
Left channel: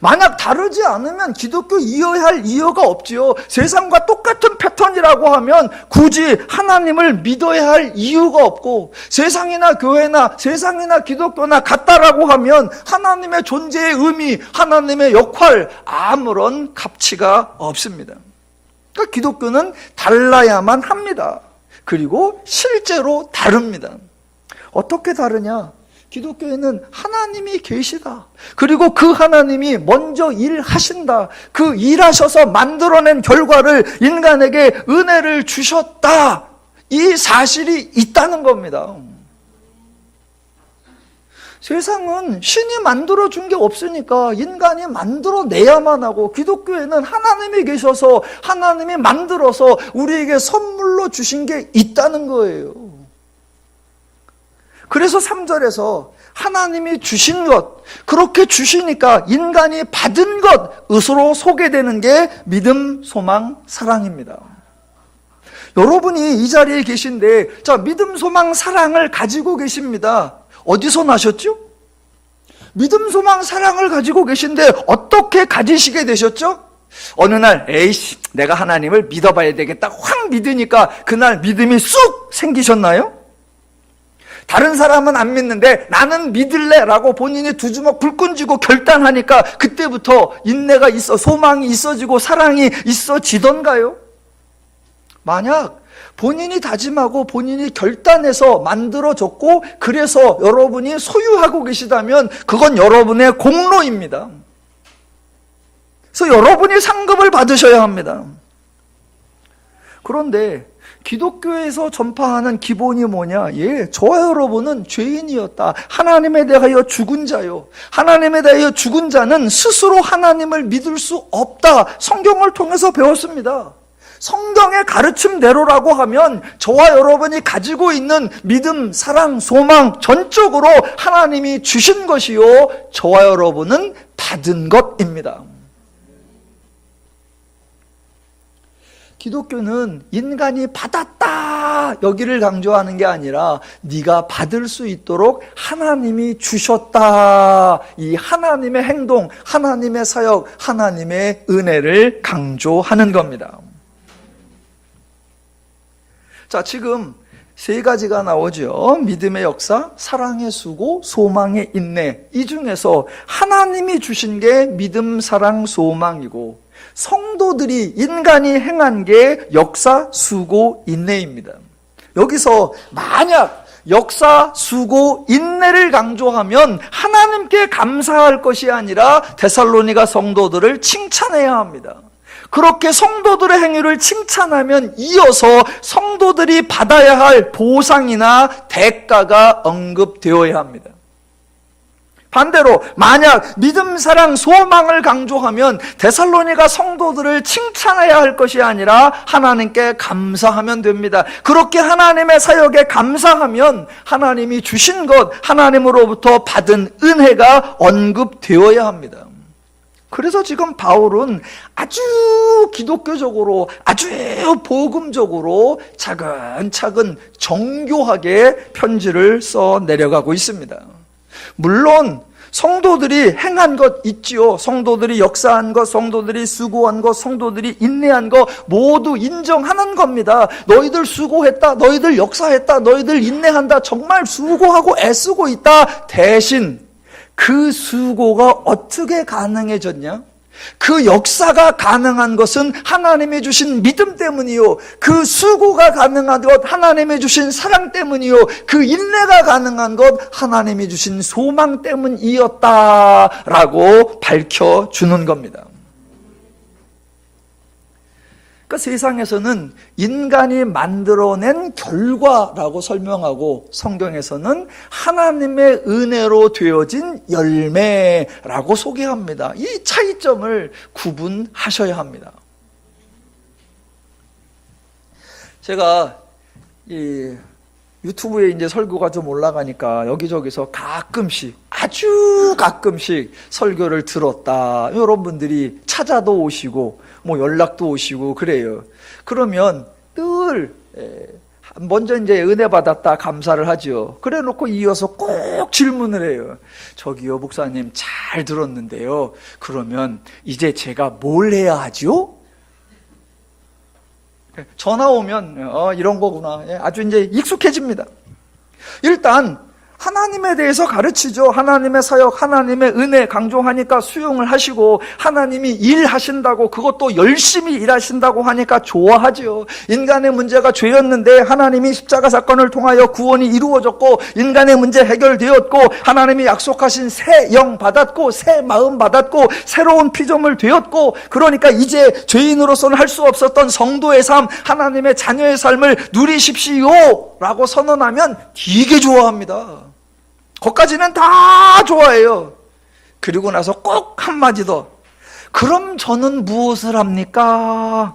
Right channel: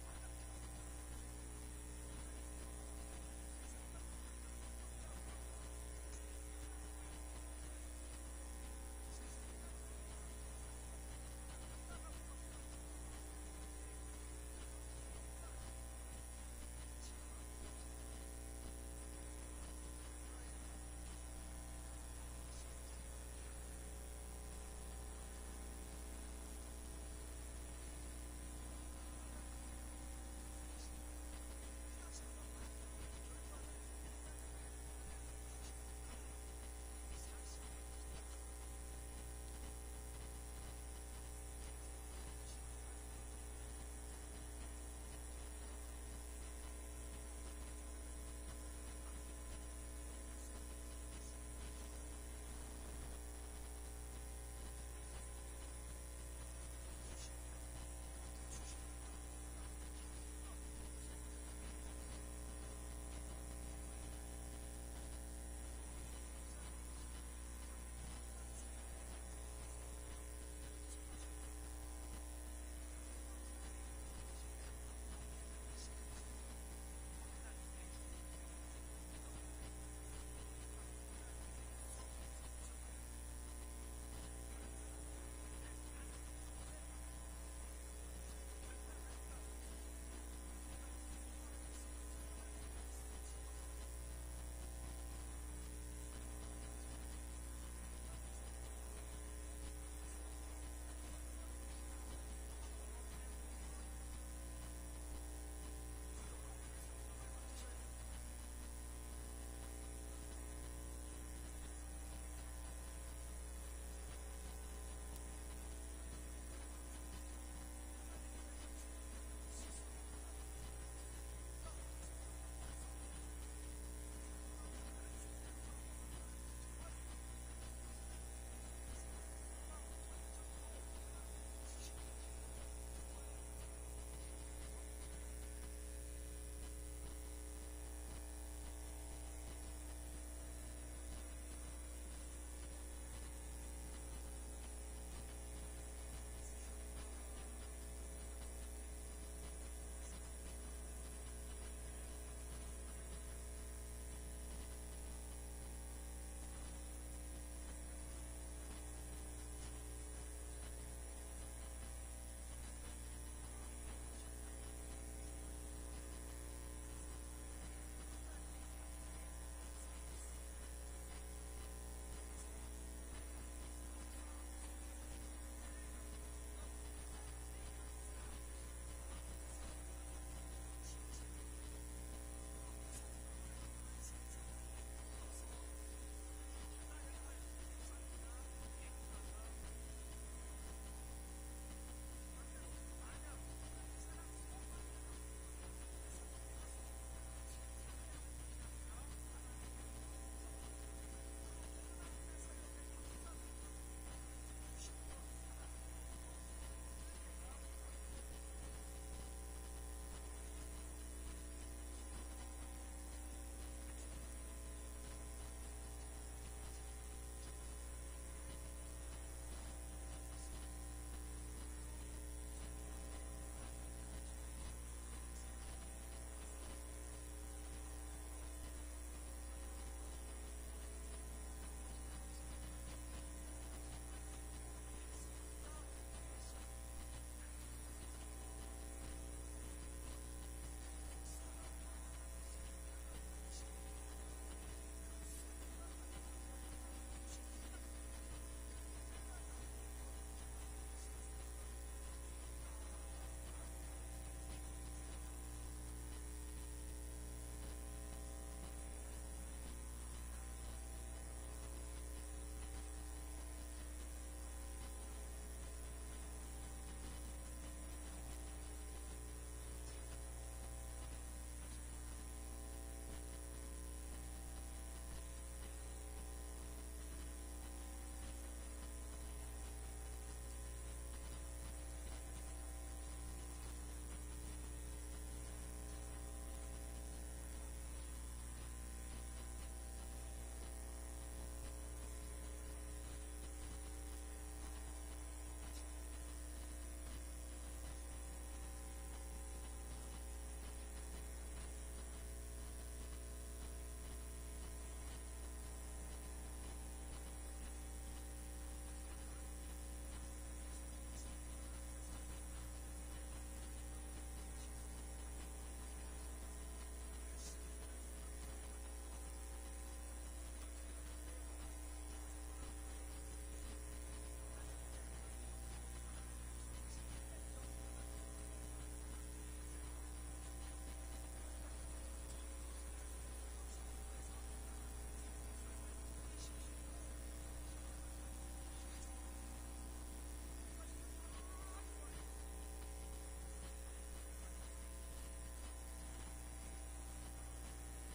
만약 다르지 않으면 기독교 이해할 이유가 없지요. 세상과 똑같은 패턴이라고 하면 굳이 하나님을 믿어야 할 이유가 없고, 세상이나 교회나 세상이나 기독교나 같다라고 하면 하나님의 존재의 의미, 하나님의 역할, 아무런 가치가 없습니다. 그러니까 기독교는 달라야만 합니다. 그리고 실제로 다릅니다. 어떻게 다르냐? 기독교에는 하나님이 계시다. 그리고 그 하나님이 먼저 일하신다. 그 일하셔서 만들어낸 결과를 인간에게 은혜를 주셨다. 이 사실이 있다는 겁니다. 세상은 신이 만들어준 게 없으니까 인간이 만들어내야만 하고, 기독교에는 하나님이 계셔서 하나님이 만들어서 우리에게 선물로 주신 게 있다는 거예요. 그래서 3절에서 하나님이 주신 것, 그렇게 주시니까 인간이 받은 것으로 소개되는 게 믿음, 소망, 사랑입니다. 여러분이 이 자리에 계신데, 자, 믿음, 소망, 사랑을 가지고 계십니다. 어디서 나셨죠? 믿음, 소망, 사랑을 가지고 계신데 어떻게 가지시게 되셨죠? 어느 날, 에이씨, 내가 하나님을 믿어봐야 되겠다 확 믿으니까 그날 믿음이 쑥 생기셨나요? 다른 사람은 안 믿는데 나는 믿을래 라고 본인이 두 주먹 불끈 쥐고 결단하니까 그때부터 인내가 있어, 소망이 있어지고 사랑이 있어지던가요? 만약 본인이 다짐하고 본인이 결단해서 만들어졌고, 그래서 여러분이 소유하고 계시다면 그건 여러분의 공로입니다. 그래서 여러분이 상급을 받으셔야 합니다. 그런데 기독교에서 전파하는 기본이 뭐냐? 예, 저와 여러분은 죄인이었다. 하나님에 대하여 죽은 자요. 하나님에 대하여 죽은 자는 스스로 하나님을 믿을 수 없다. 성경을 통해서 배웠습니다. 성경의 가르침대로라고 하면 저와 여러분이 가지고 있는 믿음, 사랑, 소망 전적으로 하나님이 주신 것이요, 저와 여러분은 받은 것입니다. 기독교는 인간이 받았다 여기를 강조하는 게 아니라 네가 받을 수 있도록 하나님이 주셨다, 이 하나님의 행동, 하나님의 사역, 하나님의 은혜를 강조하는 겁니다. 자, 지금 세 가지가 나오죠. 믿음의 역사, 사랑의 수고, 소망의 인내. 이 중에서 하나님이 주신 게 믿음, 사랑, 소망이고, 성도들이, 인간이 행한 게 역사, 수고, 인내입니다. 여기서 만약 역사, 수고, 인내를 강조하면 하나님께 감사할 것이 아니라 데살로니가 성도들을 칭찬해야 합니다. 그렇게 성도들의 행위를 칭찬하면 이어서 성도들이 받아야 할 보상이나 대가가 언급되어야 합니다. 반대로 만약 믿음, 사랑, 소망을 강조하면 데살로니가 성도들을 칭찬해야 할 것이 아니라 하나님께 감사하면 됩니다. 그렇게 하나님의 사역에 감사하면 하나님이 주신 것, 하나님으로부터 받은 은혜가 언급되어야 합니다. 그래서 지금 바울은 아주 기독교적으로, 아주 복음적으로 차근차근 정교하게 편지를 써 내려가고 있습니다. 물론 성도들이 행한 것 있지요. 성도들이 역사한 것, 성도들이 수고한 것, 성도들이 인내한 것 모두 인정하는 겁니다. 너희들 수고했다, 너희들 역사했다, 너희들 인내한다, 정말 수고하고 애쓰고 있다. 대신 그 수고가 어떻게 가능해졌냐? 그 역사가 가능한 것은 하나님이 주신 믿음 때문이요, 그 수고가 가능한 것 하나님이 주신 사랑 때문이요, 그 인내가 가능한 것 하나님이 주신 소망 때문이었다라고 밝혀주는 겁니다. 그러니까 세상에서는 인간이 만들어낸 결과라고 설명하고, 성경에서는 하나님의 은혜로 되어진 열매라고 소개합니다. 이 차이점을 구분하셔야 합니다. 제가 이 유튜브에 이제 설교가 좀 올라가니까 여기저기서 가끔씩, 아주 가끔씩 설교를 들었다, 이런 분들이 찾아도 오시고 뭐 연락도 오시고 그래요. 그러면 늘 먼저 이제 은혜 받았다 감사를 하죠. 그래 놓고 이어서 꼭 질문을 해요. 저기요 목사님, 잘 들었는데요, 그러면 이제 제가 뭘 해야 하죠? 전화 오면 이런 거구나, 아주 이제 익숙해집니다. 일단 하나님에 대해서 가르치죠. 하나님의 사역, 하나님의 은혜 강조하니까 수용을 하시고, 하나님이 일하신다고, 그것도 열심히 일하신다고 하니까 좋아하죠. 인간의 문제가 죄였는데 하나님이 십자가 사건을 통하여 구원이 이루어졌고, 인간의 문제 해결되었고, 하나님이 약속하신 새 영 받았고, 새 마음 받았고, 새로운 피조물 되었고, 그러니까 이제 죄인으로서는 할 수 없었던 성도의 삶, 하나님의 자녀의 삶을 누리십시오 라고 선언하면 되게 좋아합니다. 거기까지는 다 좋아해요. 그리고 나서 꼭 한마디 더. 그럼 저는 무엇을 합니까?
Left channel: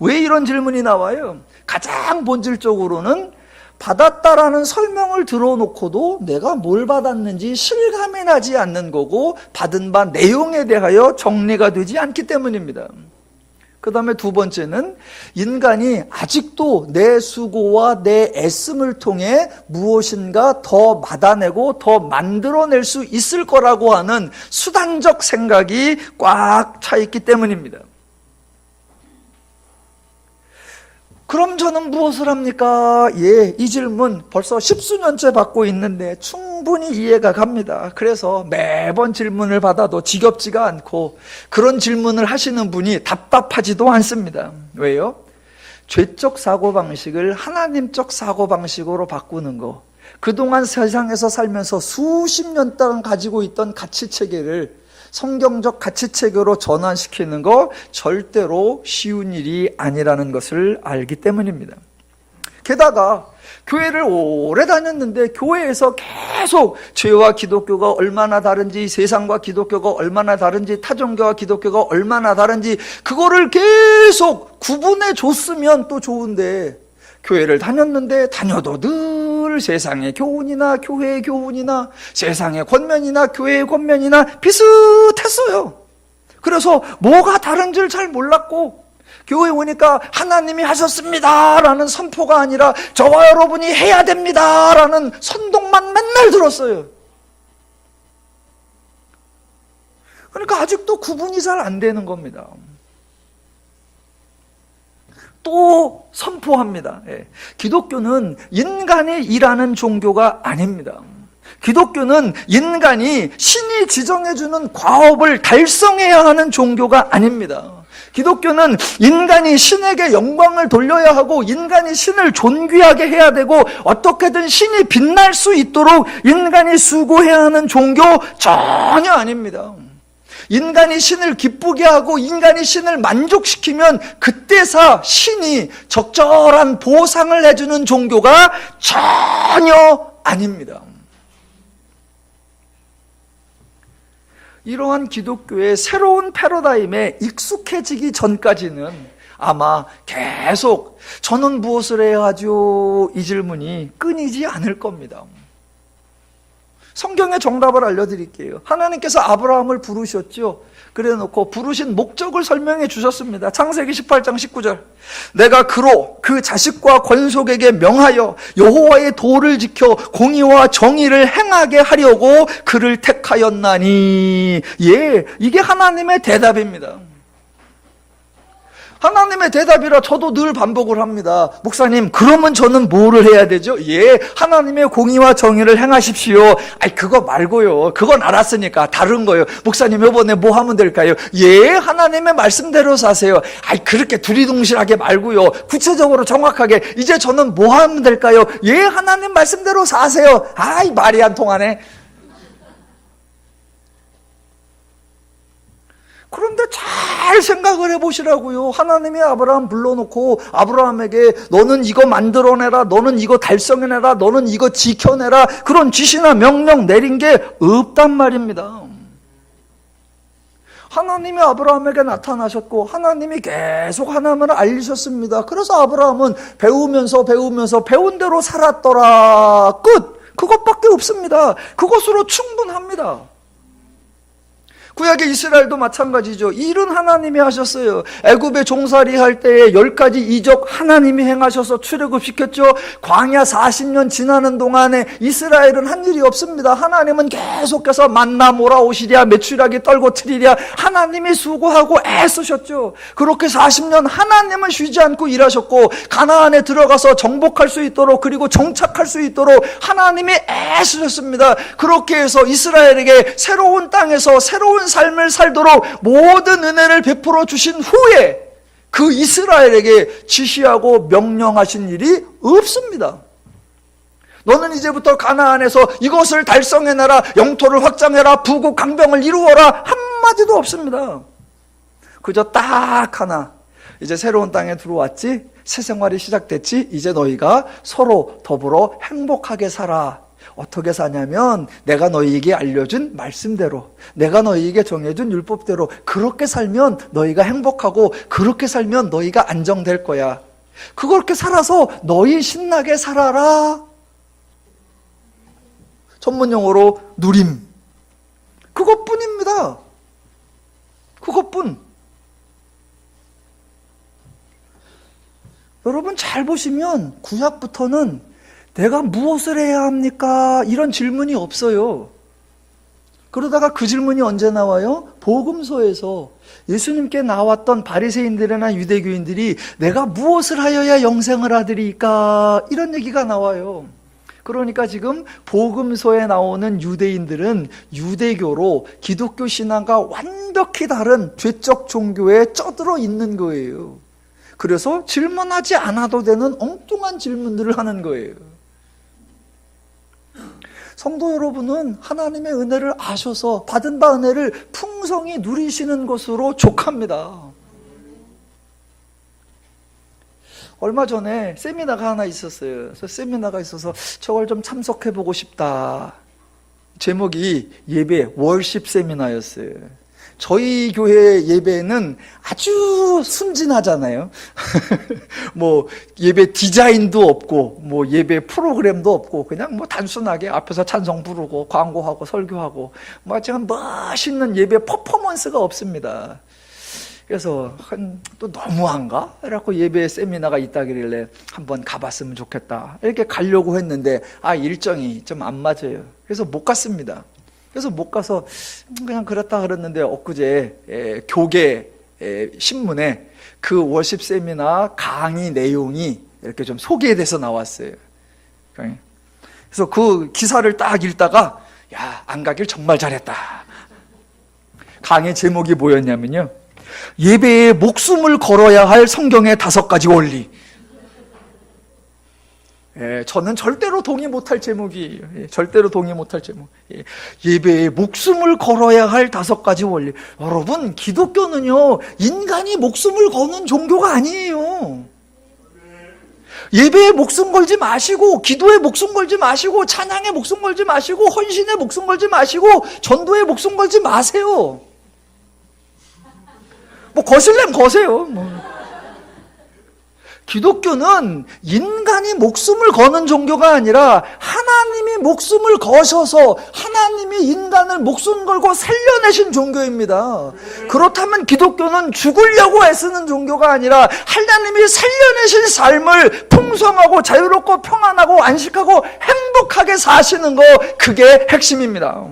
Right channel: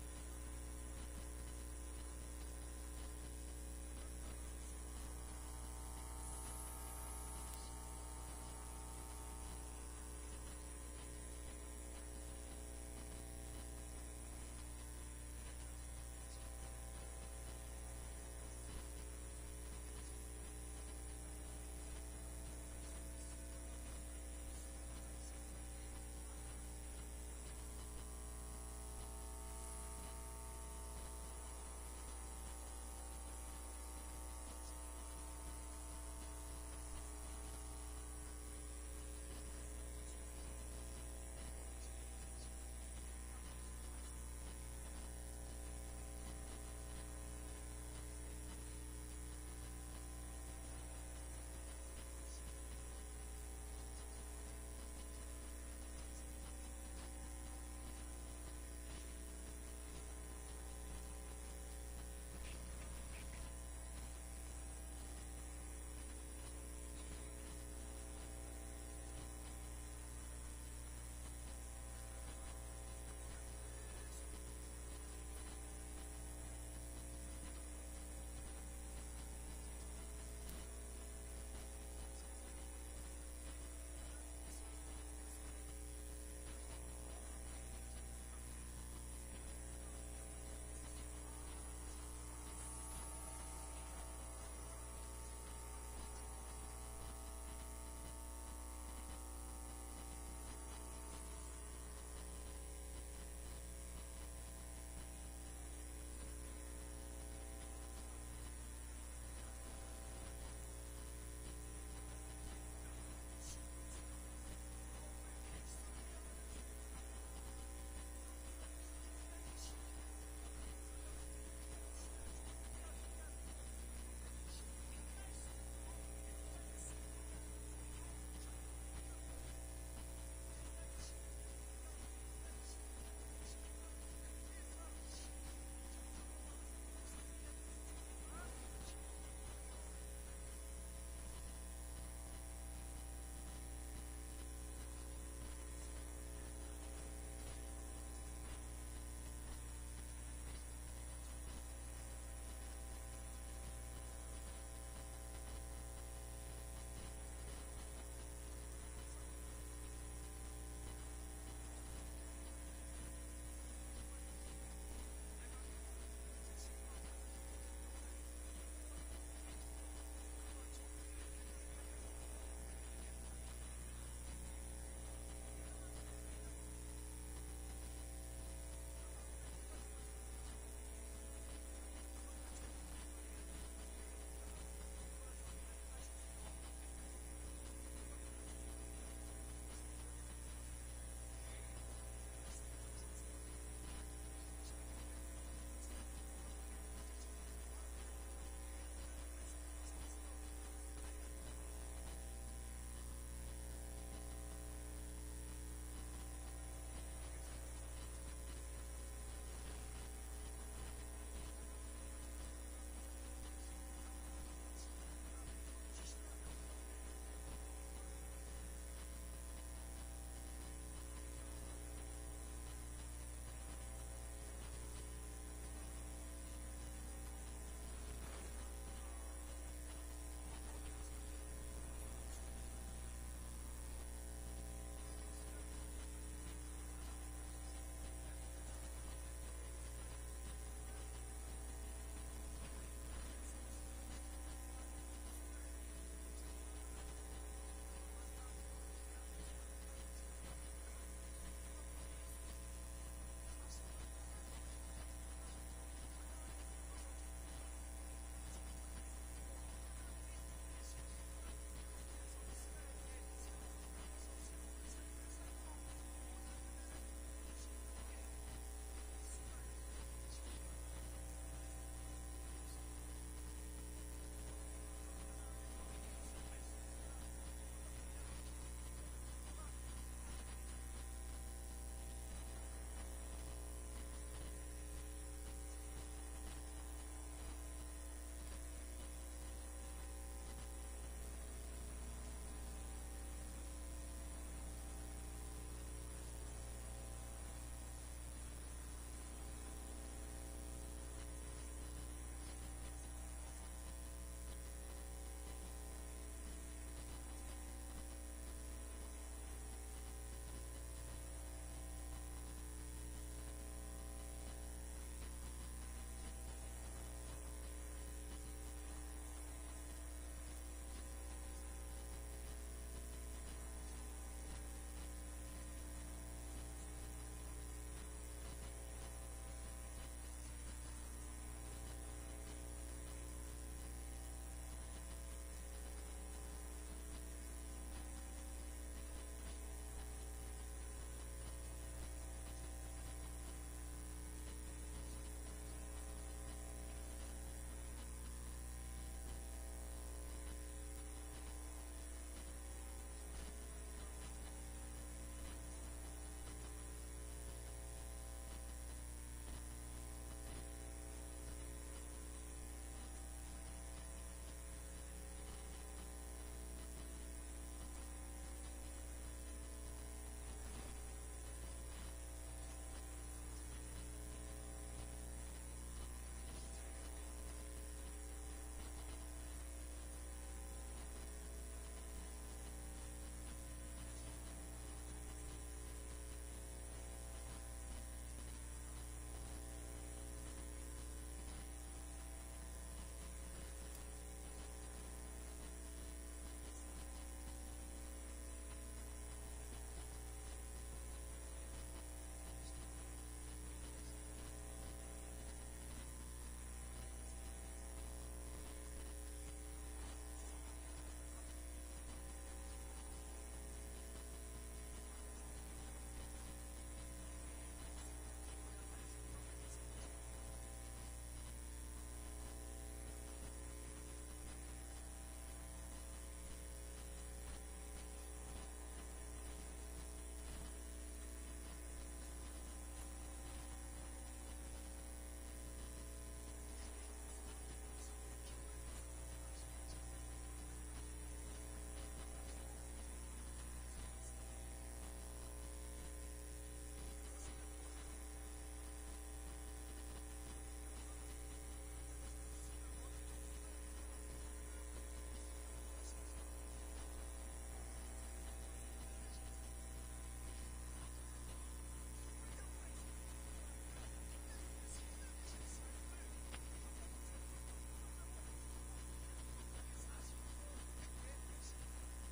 왜 이런 질문이 나와요? 가장 본질적으로는 받았다라는 설명을 들어놓고도 내가 뭘 받았는지 실감이 나지 않는 거고, 받은 바 내용에 대하여 정리가 되지 않기 때문입니다. 그 다음에 두 번째는 인간이 아직도 내 수고와 내 애씀을 통해 무엇인가 더 받아내고 더 만들어낼 수 있을 거라고 하는 수단적 생각이 꽉 차 있기 때문입니다. 그럼 저는 무엇을 합니까? 이 질문 벌써 십수년째 받고 있는데 충분히 이해가 갑니다. 그래서 매번 질문을 받아도 지겹지가 않고, 그런 질문을 하시는 분이 답답하지도 않습니다. 왜요? 죄적 사고방식을 하나님적 사고방식으로 바꾸는 거, 그동안 세상에서 살면서 수십 년 동안 가지고 있던 가치체계를 성경적 가치체계로 전환시키는 거 절대로 쉬운 일이 아니라는 것을 알기 때문입니다. 게다가 교회를 오래 다녔는데 교회에서 계속 죄와 기독교가 얼마나 다른지, 세상과 기독교가 얼마나 다른지, 타종교와 기독교가 얼마나 다른지 그거를 계속 구분해 줬으면 또 좋은데, 교회를 다녔는데 다녀도 늘 세상의 교훈이나 교회의 교훈이나 세상의 권면이나 교회의 권면이나 비슷했어요. 그래서 뭐가 다른지를 잘 몰랐고, 교회 오니까 하나님이 하셨습니다 라는 선포가 아니라 저와 여러분이 해야 됩니다 라는 선동만 맨날 들었어요. 그러니까 아직도 구분이 잘 안 되는 겁니다. 또 선포합니다. 기독교는 인간이 일하는 종교가 아닙니다. 기독교는 인간이 신이 지정해주는 과업을 달성해야 하는 종교가 아닙니다. 기독교는 인간이 신에게 영광을 돌려야 하고 인간이 신을 존귀하게 해야 되고 어떻게든 신이 빛날 수 있도록 인간이 수고해야 하는 종교 전혀 아닙니다. 인간이 신을 기쁘게 하고 인간이 신을 만족시키면 그때서 신이 적절한 보상을 해주는 종교가 전혀 아닙니다. 이러한 기독교의 새로운 패러다임에 익숙해지기 전까지는 아마 계속 저는 무엇을 해야 하죠? 이 질문이 끊이지 않을 겁니다. 성경의 정답을 알려드릴게요. 하나님께서 아브라함을 부르셨죠. 그래 놓고 부르신 목적을 설명해 주셨습니다. 창세기 18장 19절. 내가 그로 그 자식과 권속에게 명하여 여호와의 도를 지켜 공의와 정의를 행하게 하려고 그를 택하였나니. 예, 이게 하나님의 대답입니다. 하나님의 대답이라 저도 늘 반복을 합니다. 목사님, 그러면 저는 뭐를 해야 되죠? 예, 하나님의 공의와 정의를 행하십시오. 아이, 그거 말고요. 그건 알았으니까 다른 거요. 목사님, 이번에 뭐 하면 될까요? 예, 하나님의 말씀대로 사세요. 아이, 그렇게 두리둥실하게 말고요. 구체적으로 정확하게 이제 저는 뭐 하면 될까요? 예, 하나님 말씀대로 사세요. 아이, 말이 안 통하네. 그런데 잘 생각을 해보시라고요. 하나님이 아브라함 불러놓고 아브라함에게 너는 이거 만들어내라, 너는 이거 달성해내라, 너는 이거 지켜내라, 그런 지시나 명령 내린 게 없단 말입니다. 하나님이 아브라함에게 나타나셨고 하나님이 계속 하나님을 알리셨습니다. 그래서 아브라함은 배우면서 배운 대로 살았더라. 끝! 그것밖에 없습니다. 그것으로 충분합니다. 구약의 이스라엘도 마찬가지죠. 일은 하나님이 하셨어요. 애굽에 종살이 할 때에 10가지 이적 하나님이 행하셔서 출애굽시켰죠. 광야 40년 지나는 동안에 이스라엘은 한 일이 없습니다. 하나님은 계속해서 만나 몰아오시랴, 메추라기 떨고 트리랴, 하나님이 수고하고 애쓰셨죠. 그렇게 40년 하나님은 쉬지 않고 일하셨고 가나안에 들어가서 정복할 수 있도록, 그리고 정착할 수 있도록 하나님이 애쓰셨습니다. 그렇게 해서 이스라엘에게 새로운 땅에서 새로운 삶을 살도록 모든 은혜를 베풀어 주신 후에 그 이스라엘에게 지시하고 명령하신 일이 없습니다. 너는 이제부터 가나안에서 이것을 달성해내라, 영토를 확장해라, 부국 강병을 이루어라, 한마디도 없습니다. 그저 딱 하나, 이제 새로운 땅에 들어왔지, 새 생활이 시작됐지, 이제 너희가 서로 더불어 행복하게 살아. 어떻게 사냐면 내가 너희에게 알려준 말씀대로, 내가 너희에게 정해준 율법대로 그렇게 살면 너희가 행복하고 그렇게 살면 너희가 안정될 거야. 그렇게 살아서 너희 신나게 살아라. 전문용어로 누림. 그것뿐입니다. 그것뿐. 여러분 잘 보시면 구약부터는 내가 무엇을 해야 합니까? 이런 질문이 없어요. 그러다가 그 질문이 언제 나와요? 복음서에서 예수님께 나왔던 바리새인들이나 유대교인들이 내가 무엇을 하여야 영생을 하리이까? 이런 얘기가 나와요. 그러니까 지금 복음서에 나오는 유대인들은 유대교로 기독교 신앙과 완벽히 다른 죄적 종교에 쩌들어 있는 거예요. 그래서 질문하지 않아도 되는 엉뚱한 질문들을 하는 거예요. 성도 여러분은 하나님의 은혜를 아셔서 받은 바 은혜를 풍성히 누리시는 것으로 족합니다. 얼마 전에 세미나가 하나 있었어요. 그래서 세미나가 있어서 저걸 좀 참석해보고 싶다. 제목이 예배 월십 세미나였어요. 저희 교회 예배는 아주 순진하잖아요. 뭐 예배 디자인도 없고 뭐 예배 프로그램도 없고 그냥 뭐 단순하게 앞에서 찬송 부르고 광고하고 설교하고 뭐 지금 멋있는 예배 퍼포먼스가 없습니다. 그래서 또 너무한가? 그래갖고 예배 세미나가 있다길래 한번 가봤으면 좋겠다. 이렇게 가려고 했는데 일정이 좀 안 맞아요. 그래서 못 갔습니다. 그래서 못 가서 그냥 그랬다 그랬는데 엊그제 교계 신문에 그 워십 세미나 강의 내용이 이렇게 좀 소개돼서 나왔어요. 그래서 그 기사를 딱 읽다가 야, 안 가길 정말 잘했다. 강의 제목이 뭐였냐면요, 예배에 목숨을 걸어야 할 성경의 5가지 원리. 예, 저는 절대로 동의 못할 제목이에요. 예, 절대로 동의 못할 제목. 예, 예배에 목숨을 걸어야 할 5가지 원리. 여러분, 기독교는요, 인간이 목숨을 거는 종교가 아니에요. 예배에 목숨 걸지 마시고, 기도에 목숨 걸지 마시고, 찬양에 목숨 걸지 마시고, 헌신에 목숨 걸지 마시고, 전도에 목숨 걸지 마세요. 뭐 거실래면 거세요. 기독교는 인간이 목숨을 거는 종교가 아니라 하나님이 목숨을 거셔서 하나님이 인간을 목숨 걸고 살려내신 종교입니다. 그렇다면 기독교는 죽으려고 애쓰는 종교가 아니라 하나님이 살려내신 삶을 풍성하고 자유롭고 평안하고 안식하고 행복하게 사시는 거, 그게 핵심입니다.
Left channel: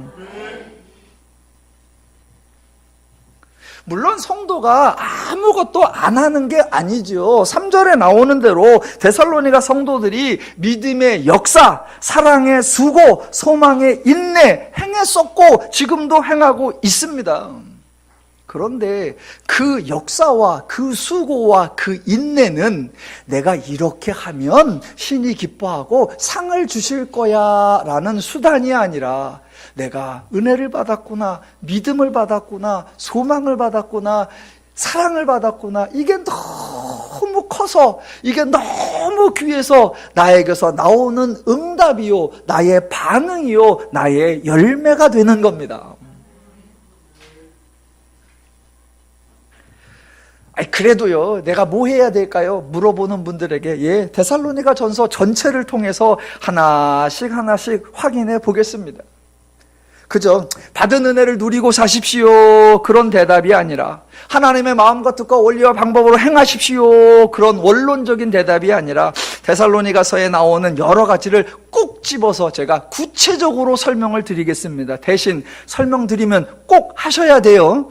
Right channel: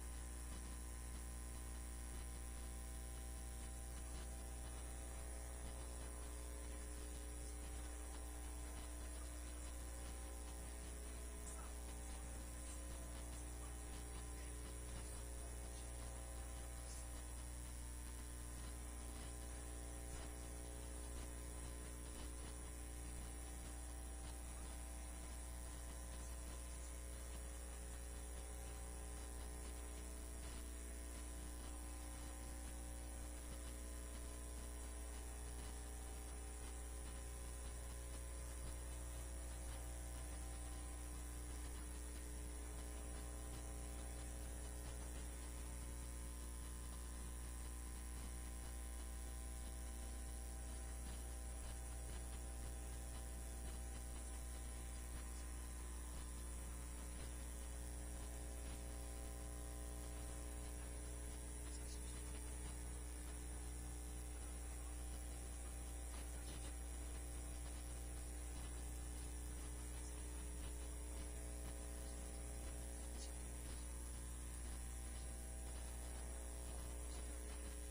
물론 성도가 아무것도 안 하는 게 아니죠. 3절에 나오는 대로 데살로니가 성도들이 믿음의 역사, 사랑의 수고, 소망의 인내 행했었고 지금도 행하고 있습니다. 그런데 그 역사와 그 수고와 그 인내는 내가 이렇게 하면 신이 기뻐하고 상을 주실 거야 라는 수단이 아니라, 내가 은혜를 받았구나, 믿음을 받았구나, 소망을 받았구나, 사랑을 받았구나, 이게 너무 커서, 이게 너무 귀해서 나에게서 나오는 응답이요, 나의 반응이요, 나의 열매가 되는 겁니다. 그래도요, 내가 뭐 해야 될까요? 물어보는 분들에게, 예, 데살로니가 전서 전체를 통해서 하나씩 확인해 보겠습니다. 그죠? 받은 은혜를 누리고 사십시오, 그런 대답이 아니라, 하나님의 마음과 뜻과 원리와 방법으로 행하십시오, 그런 원론적인 대답이 아니라, 데살로니가서에 나오는 여러 가지를 꼭 집어서 제가 구체적으로 설명을 드리겠습니다. 대신 설명드리면 꼭 하셔야 돼요.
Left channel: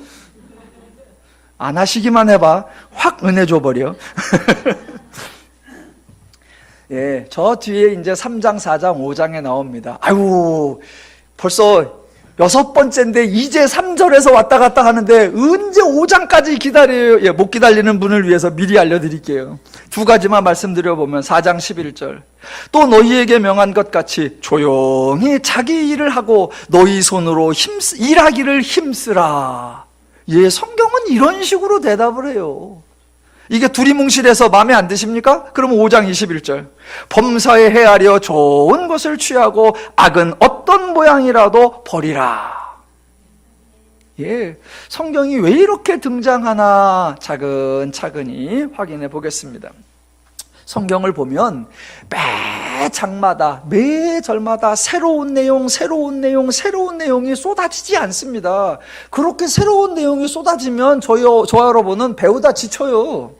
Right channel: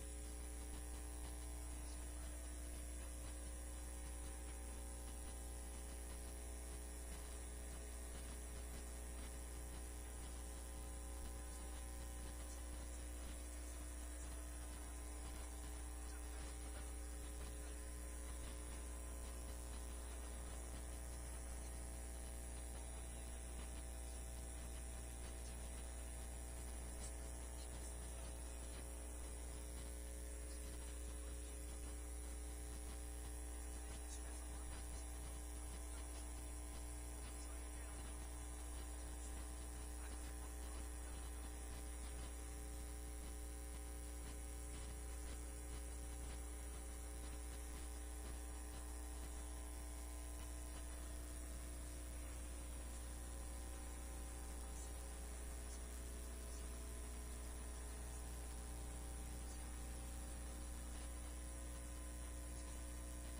안 하시기만 해봐 확 은혜 줘버려. 예, 저 뒤에 이제 3장, 4장, 5장에 나옵니다. 아유, 벌써 6번째인데 이제 3절에서 왔다 갔다 하는데 언제 5장까지 기다려요? 예, 못 기다리는 분을 위해서 미리 알려드릴게요. 2가지만 말씀드려보면 4장 11절, 또 너희에게 명한 것 같이 조용히 자기 일을 하고 너희 손으로 일하기를 힘쓰라. 예, 성경은 이런 식으로 대답을 해요. 이게 두리뭉실해서 마음에 안 드십니까? 그러면 5장 21절, 범사에 헤아려 좋은 것을 취하고 악은 어떤 모양이라도 버리라. 예, 성경이 왜 이렇게 등장하나 차근차근히 확인해 보겠습니다. 성경을 보면 매 장마다, 매 절마다 새로운 내용이 쏟아지지 않습니다. 그렇게 새로운 내용이 쏟아지면 저와 여러분은 배우다 지쳐요.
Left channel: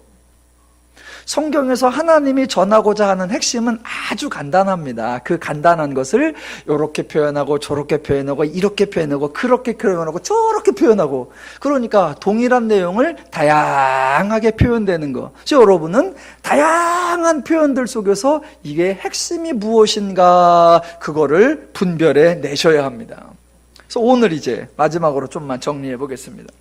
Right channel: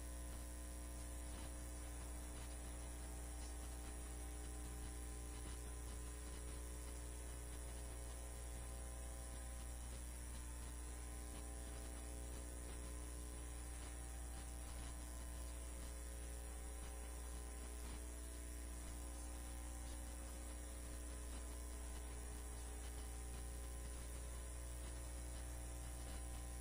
성경에서 하나님이 전하고자 하는 핵심은 아주 간단합니다. 그 간단한 것을 이렇게 표현하고 저렇게 표현하고 이렇게 표현하고 그렇게 표현하고 저렇게 표현하고, 그러니까 동일한 내용을 다양하게 표현되는 거. 그래서 여러분은 다양한 표현들 속에서 이게 핵심이 무엇인가, 그거를 분별해 내셔야 합니다. 그래서 오늘 이제 마지막으로 좀만 정리해 보겠습니다.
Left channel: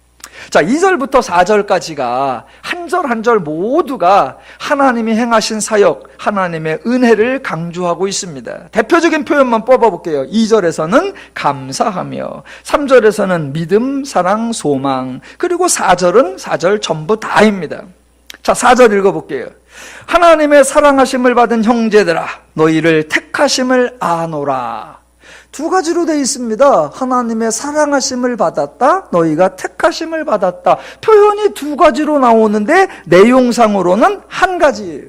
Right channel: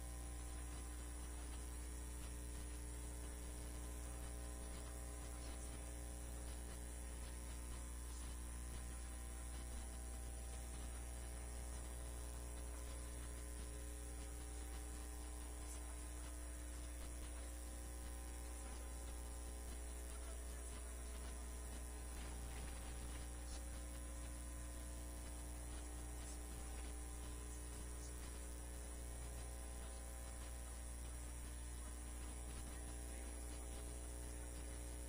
자, 2절부터 4절까지가 한 절 한 절 모두가 하나님이 행하신 사역, 하나님의 은혜를 강조하고 있습니다. 대표적인 표현만 뽑아볼게요. 2절에서는 감사하며, 3절에서는 믿음, 사랑, 소망, 그리고 4절은 4절 전부 다입니다. 자, 4절 읽어볼게요. 하나님의 사랑하심을 받은 형제들아, 너희를 택하심을 아노라. 2가지로 되어 있습니다. 하나님의 사랑하심을 받았다, 너희가 택하심을 받았다. 표현이 2가지로 나오는데 내용상으로는 한 가지예요.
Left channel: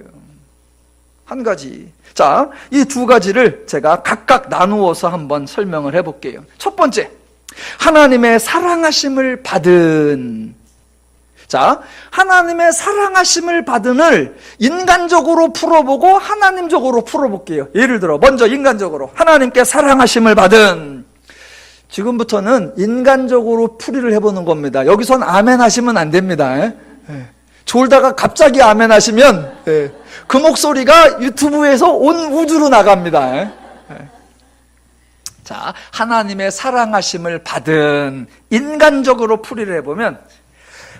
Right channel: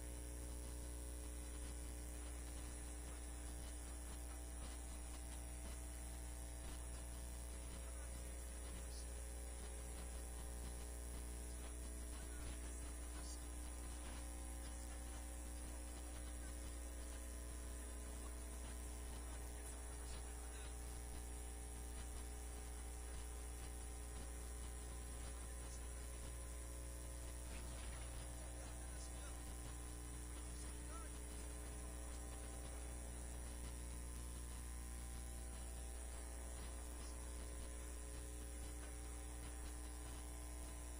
한 가지. 자, 이 2가지를 제가 각각 나누어서 한번 설명을 해볼게요. 첫 번째, 하나님의 사랑하심을 받은. 자, 하나님의 사랑하심을 받은을 인간적으로 풀어보고 하나님적으로 풀어볼게요. 예를 들어 먼저 인간적으로, 하나님께 사랑하심을 받은. 지금부터는 인간적으로 풀이를 해보는 겁니다. 여기선 아멘 하시면 안 됩니다. 졸다가 갑자기 아멘 하시면 그 목소리가 유튜브에서 온 우주로 나갑니다. 자, 하나님의 사랑하심을 받은 인간적으로 풀이를 해보면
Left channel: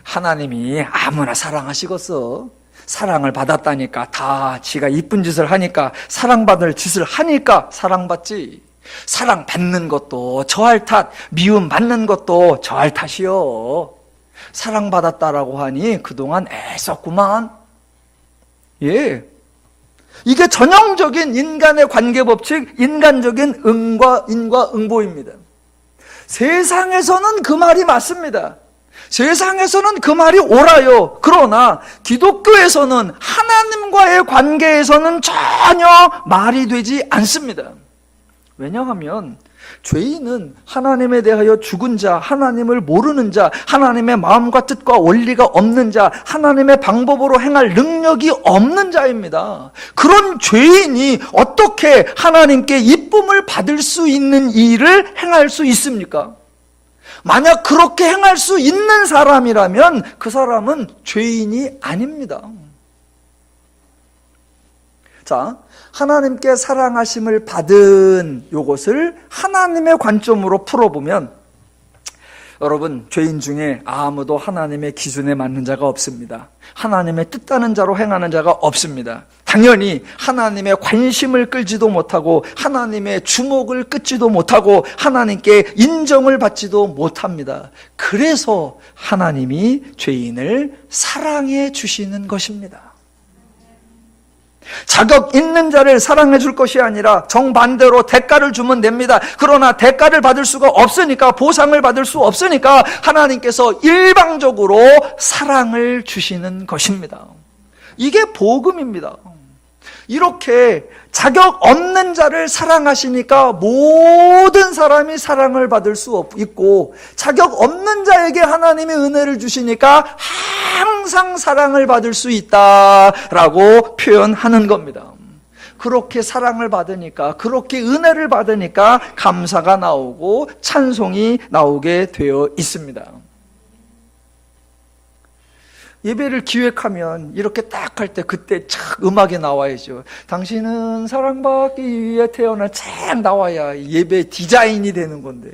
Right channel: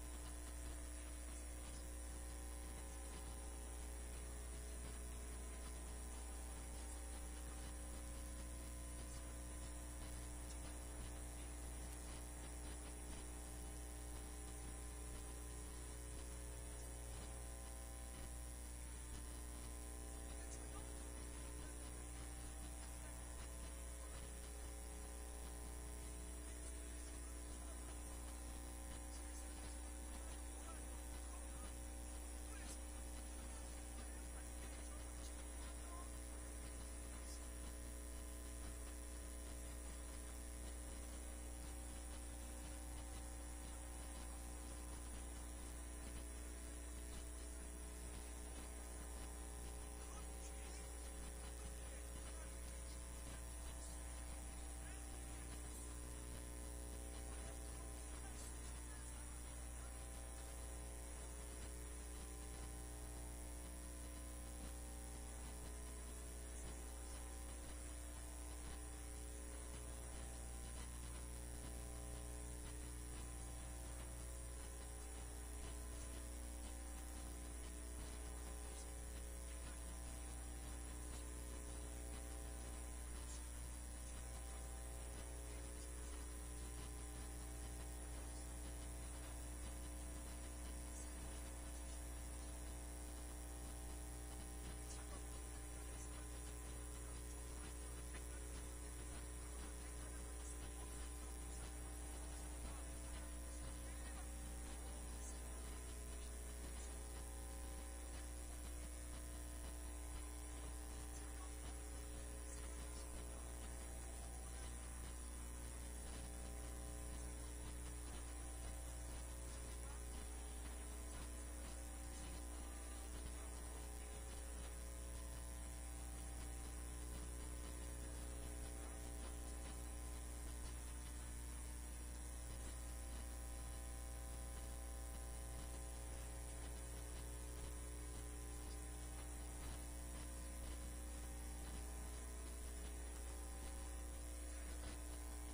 하나님이 아무나 사랑하시겠어. 사랑을 받았다니까, 다 지가 이쁜 짓을 하니까, 사랑받을 짓을 하니까 사랑받지. 사랑받는 것도 저할 탓, 미움 받는 것도 저할 탓이요. 사랑받았다라고 하니 그동안 애썼구만. 예, 이게 전형적인 인간의 관계법칙, 인간적인 응과 인과응보입니다. 세상에서는 그 말이 맞습니다. 세상에서는 그 말이 옳아요. 그러나 기독교에서는 하나님과의 관계에서는 전혀 말이 되지 않습니다. 왜냐하면 죄인은 하나님에 대하여 죽은 자, 하나님을 모르는 자, 하나님의 마음과 뜻과 원리가 없는 자, 하나님의 방법으로 행할 능력이 없는 자입니다. 그런 죄인이 어떻게 하나님께 이쁨을 받을 수 있는 일을 행할 수 있습니까? 만약 그렇게 행할 수 있는 사람이라면 그 사람은 죄인이 아닙니다. 자, 하나님께 사랑하심을 받은 이것을 하나님의 관점으로 풀어보면, 여러분, 죄인 중에 아무도 하나님의 기준에 맞는 자가 없습니다. 하나님의 뜻하는 자로 행하는 자가 없습니다. 당연히 하나님의 관심을 끌지도 못하고 하나님의 주목을 끌지도 못하고 하나님께 인정을 받지도 못합니다. 그래서 하나님이 죄인을 사랑해 주시는 것입니다. 자격 있는 자를 사랑해 줄 것이 아니라 정반대로 대가를 주면 됩니다. 그러나 대가를 받을 수가 없으니까, 보상을 받을 수 없으니까 하나님께서 일방적으로 사랑을 주시는 것입니다. 이게 복음입니다. 이렇게 자격 없는 자를 사랑하시니까 모든 사람이 사랑을 받을 수 있고, 자격 없는 자에게 하나님의 은혜를 주시니까 항상 사랑을 받을 수 있다라고 표현하는 겁니다. 그렇게 사랑을 받으니까, 그렇게 은혜를 받으니까 감사가 나오고 찬송이 나오게 되어 있습니다. 예배를 기획하면 이렇게 딱 할 때 그때 착 음악이 나와야죠. 당신은 사랑받기 위해 태어나 착 나와야 예배 디자인이 되는 건데.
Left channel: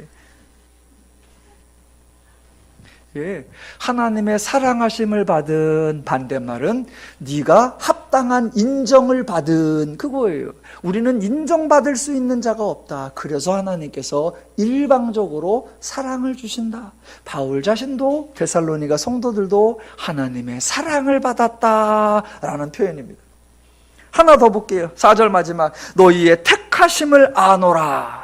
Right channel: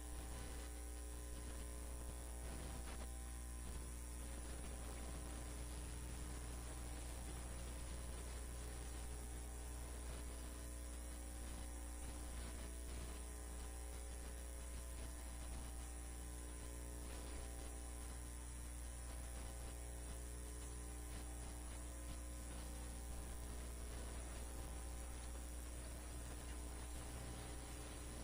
예, 하나님의 사랑하심을 받은 반대말은 네가 합당한 인정을 받은 그거예요. 우리는 인정받을 수 있는 자가 없다. 그래서 하나님께서 일방적으로 사랑을 주신다. 바울 자신도, 데살로니가 성도들도 하나님의 사랑을 받았다라는 표현입니다. 하나 더 볼게요. 4절 마지막. 너희의 택하심을 아노라.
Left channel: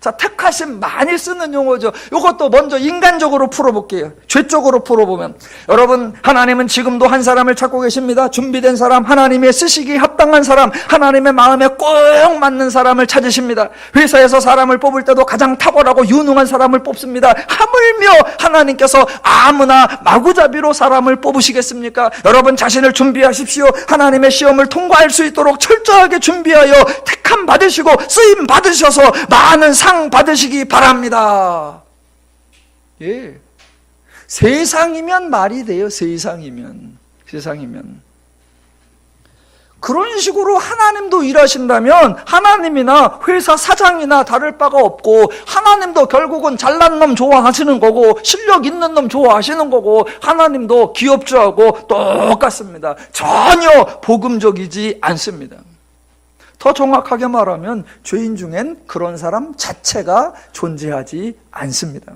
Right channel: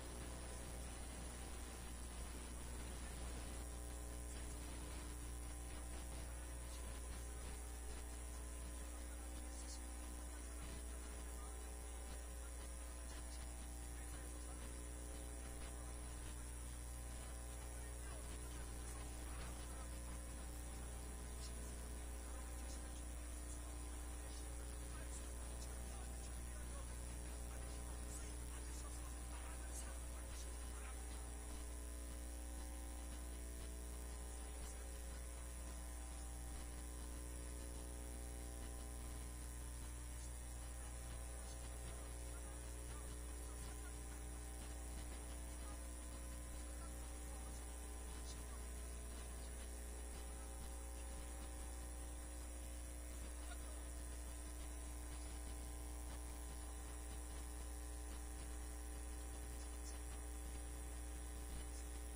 자, 택하심 많이 쓰는 용어죠. 이것도 먼저 인간적으로 풀어볼게요. 죄적으로 풀어보면, 여러분, 하나님은 지금도 한 사람을 찾고 계십니다. 준비된 사람, 하나님의 쓰시기 합당한 사람, 하나님의 마음에 꼭 맞는 사람을 찾으십니다. 회사에서 사람을 뽑을 때도 가장 탁월하고 유능한 사람을 뽑습니다. 하물며 하나님께서 아무나 마구잡이로 사람을 뽑으시겠습니까? 여러분 자신을 준비하십시오. 하나님의 시험을 통과할 수 있도록 철저하게 준비하여 택함 받으시고 쓰임 받으셔서 많은 상 받으시기 바랍니다. 예, 세상이면 말이 돼요. 세상이면 그런 식으로 하나님도 일하신다면 하나님이나 회사 사장이나 다를 바가 없고, 하나님도 결국은 잘난 놈 좋아하시는 거고 실력 있는 놈 좋아하시는 거고, 하나님도 기업주하고 똑같습니다. 전혀 복음적이지 않습니다. 더 정확하게 말하면 죄인 중엔 그런 사람 자체가 존재하지 않습니다.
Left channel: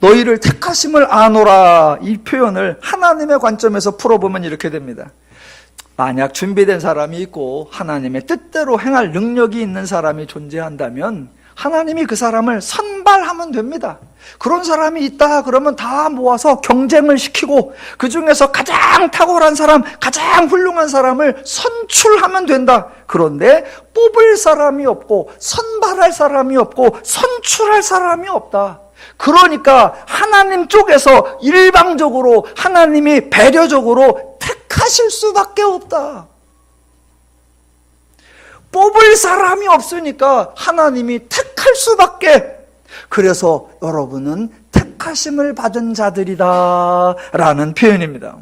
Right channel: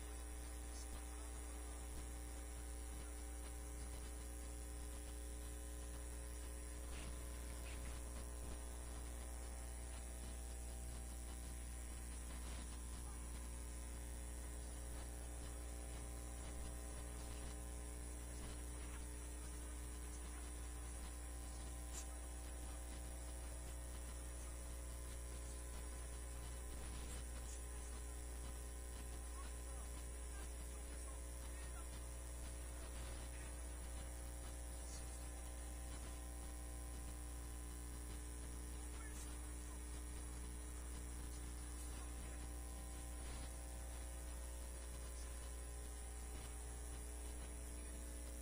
너희를 택하심을 아노라, 이 표현을 하나님의 관점에서 풀어보면 이렇게 됩니다. 만약 준비된 사람이 있고 하나님의 뜻대로 행할 능력이 있는 사람이 존재한다면 하나님이 그 사람을 선발하면 됩니다. 그런 사람이 있다 그러면 다 모아서 경쟁을 시키고 그 중에서 가장 탁월한 사람, 가장 훌륭한 사람을 선출하면 된다. 그런데 뽑을 사람이 없고 선발할 사람이 없고 선출할 사람이 없다. 그러니까 하나님 쪽에서 일방적으로 하나님이 배려적으로 택하실 수밖에 없다. 뽑을 사람이 없으니까 하나님이 택할 수밖에. 그래서 여러분은 택하심을 받은 자들이다 라는 표현입니다.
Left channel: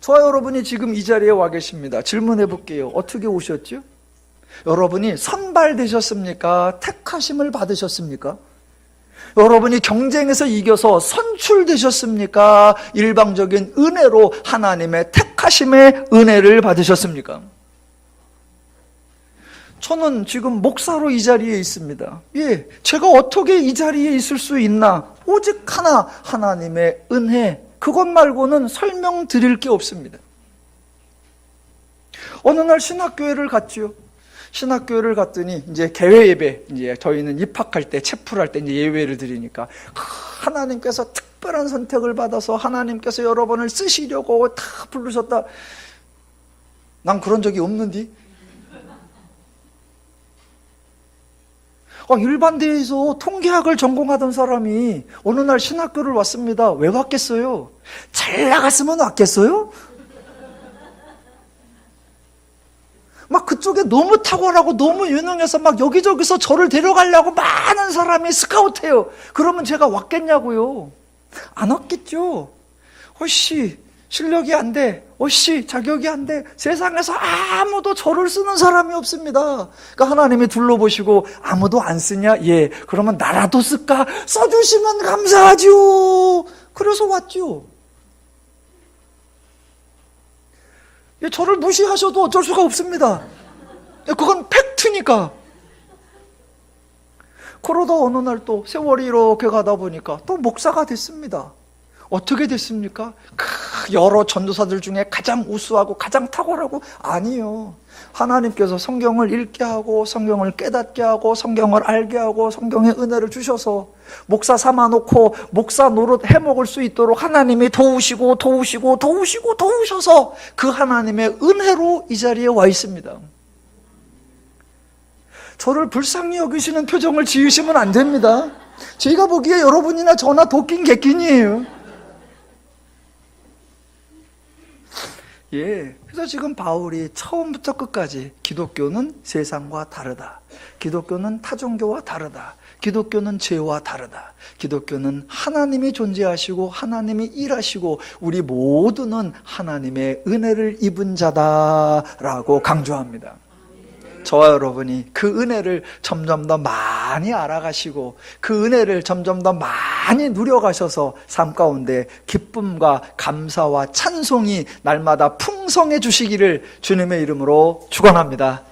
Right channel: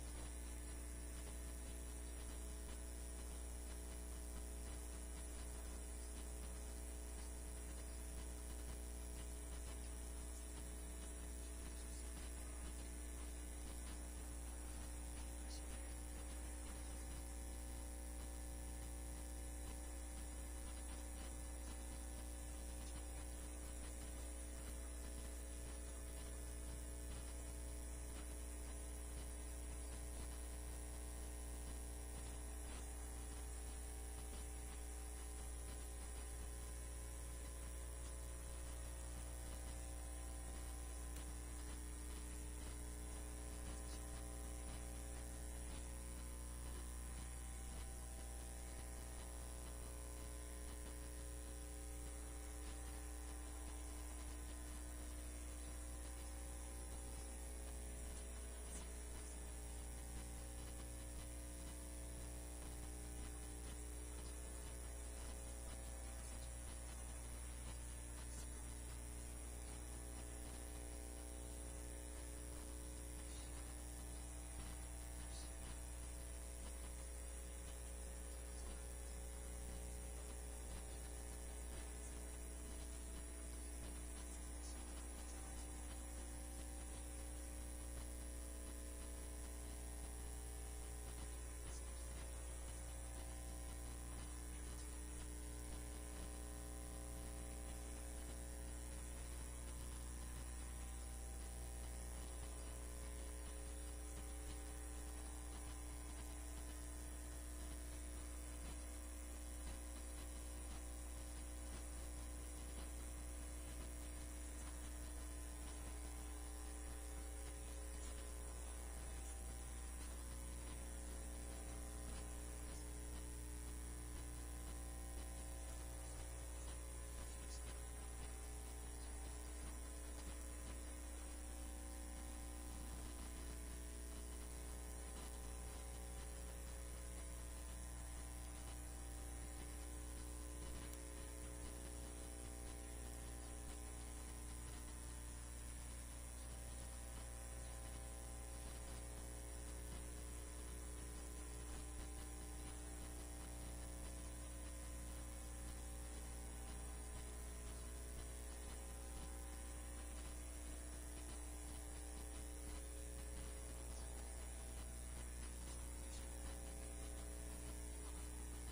저와 여러분이 지금 이 자리에 와 계십니다. 질문해 볼게요. 어떻게 오셨죠? 여러분이 선발되셨습니까? 택하심을 받으셨습니까? 여러분이 경쟁에서 이겨서 선출되셨습니까? 일방적인 은혜로 하나님의 택하심의 은혜를 받으셨습니까? 저는 지금 목사로 이 자리에 있습니다. 예, 제가 어떻게 이 자리에 있을 수 있나? 오직 하나, 하나님의 은혜. 그것 말고는 설명드릴 게 없습니다. 어느 날 신학교회를 갔죠. 신학교회를 갔더니 이제 개회 예배, 이제 저희는 입학할 때, 체풀할 때 이제 예배를 드리니까 하나님께서 특별한 선택을 받아서 하나님께서 여러분을 쓰시려고 다 부르셨다. 난 그런 적이 없는데. 일반대에서 통계학을 전공하던 사람이 어느 날 신학교를 왔습니다. 왜 왔겠어요? 잘 나갔으면 왔겠어요? 막 그쪽에 너무 탁월하고 너무 유능해서 막 여기저기서 저를 데려가려고 많은 사람이 스카우트해요. 그러면 제가 왔겠냐고요? 안 왔겠죠. 어씨 실력이 안 돼. 어씨 자격이 안 돼. 세상에서 아무도 저를 쓰는 사람이 없습니다. 그러니까 하나님이 둘러보시고 아무도 안 쓰냐? 예. 그러면 나라도 쓸까? 써주시면 감사하죠. 그래서 왔죠. 저를 무시하셔도 어쩔 수가 없습니다. 그건 팩트니까. 그러다 어느 날 또 세월이 이렇게 가다 보니까 또 목사가 됐습니다. 어떻게 됐습니까? 여러 전도사들 중에 가장 우수하고 가장 탁월하고 아니요. 하나님께서 성경을 읽게 하고 성경을 깨닫게 하고 성경을 알게 하고 성경의 은혜를 주셔서 목사 삼아놓고 목사 노릇 해먹을 수 있도록 하나님이 도우시고 도우셔서 그 하나님의 은혜로 이 자리에 와 있습니다. 저를 불쌍히 여기시는 표정을 지으시면 안 됩니다. 제가 보기에 여러분이나 저나 도끼인 객긴이에요. 예, 그래서 지금 바울이 처음부터 끝까지 기독교는 세상과 다르다. 기독교는 타종교와 다르다. 기독교는 죄와 다르다. 기독교는 하나님이 존재하시고 하나님이 일하시고 우리 모두는 하나님의 은혜를 입은 자다라고 강조합니다. 저와 여러분이 그 은혜를 점점 더 많이 알아가시고 그 은혜를 점점 더 많이 누려가셔서 삶 가운데 기쁨과 감사와 찬송이 날마다 풍성해 주시기를 주님의 이름으로 축원합니다.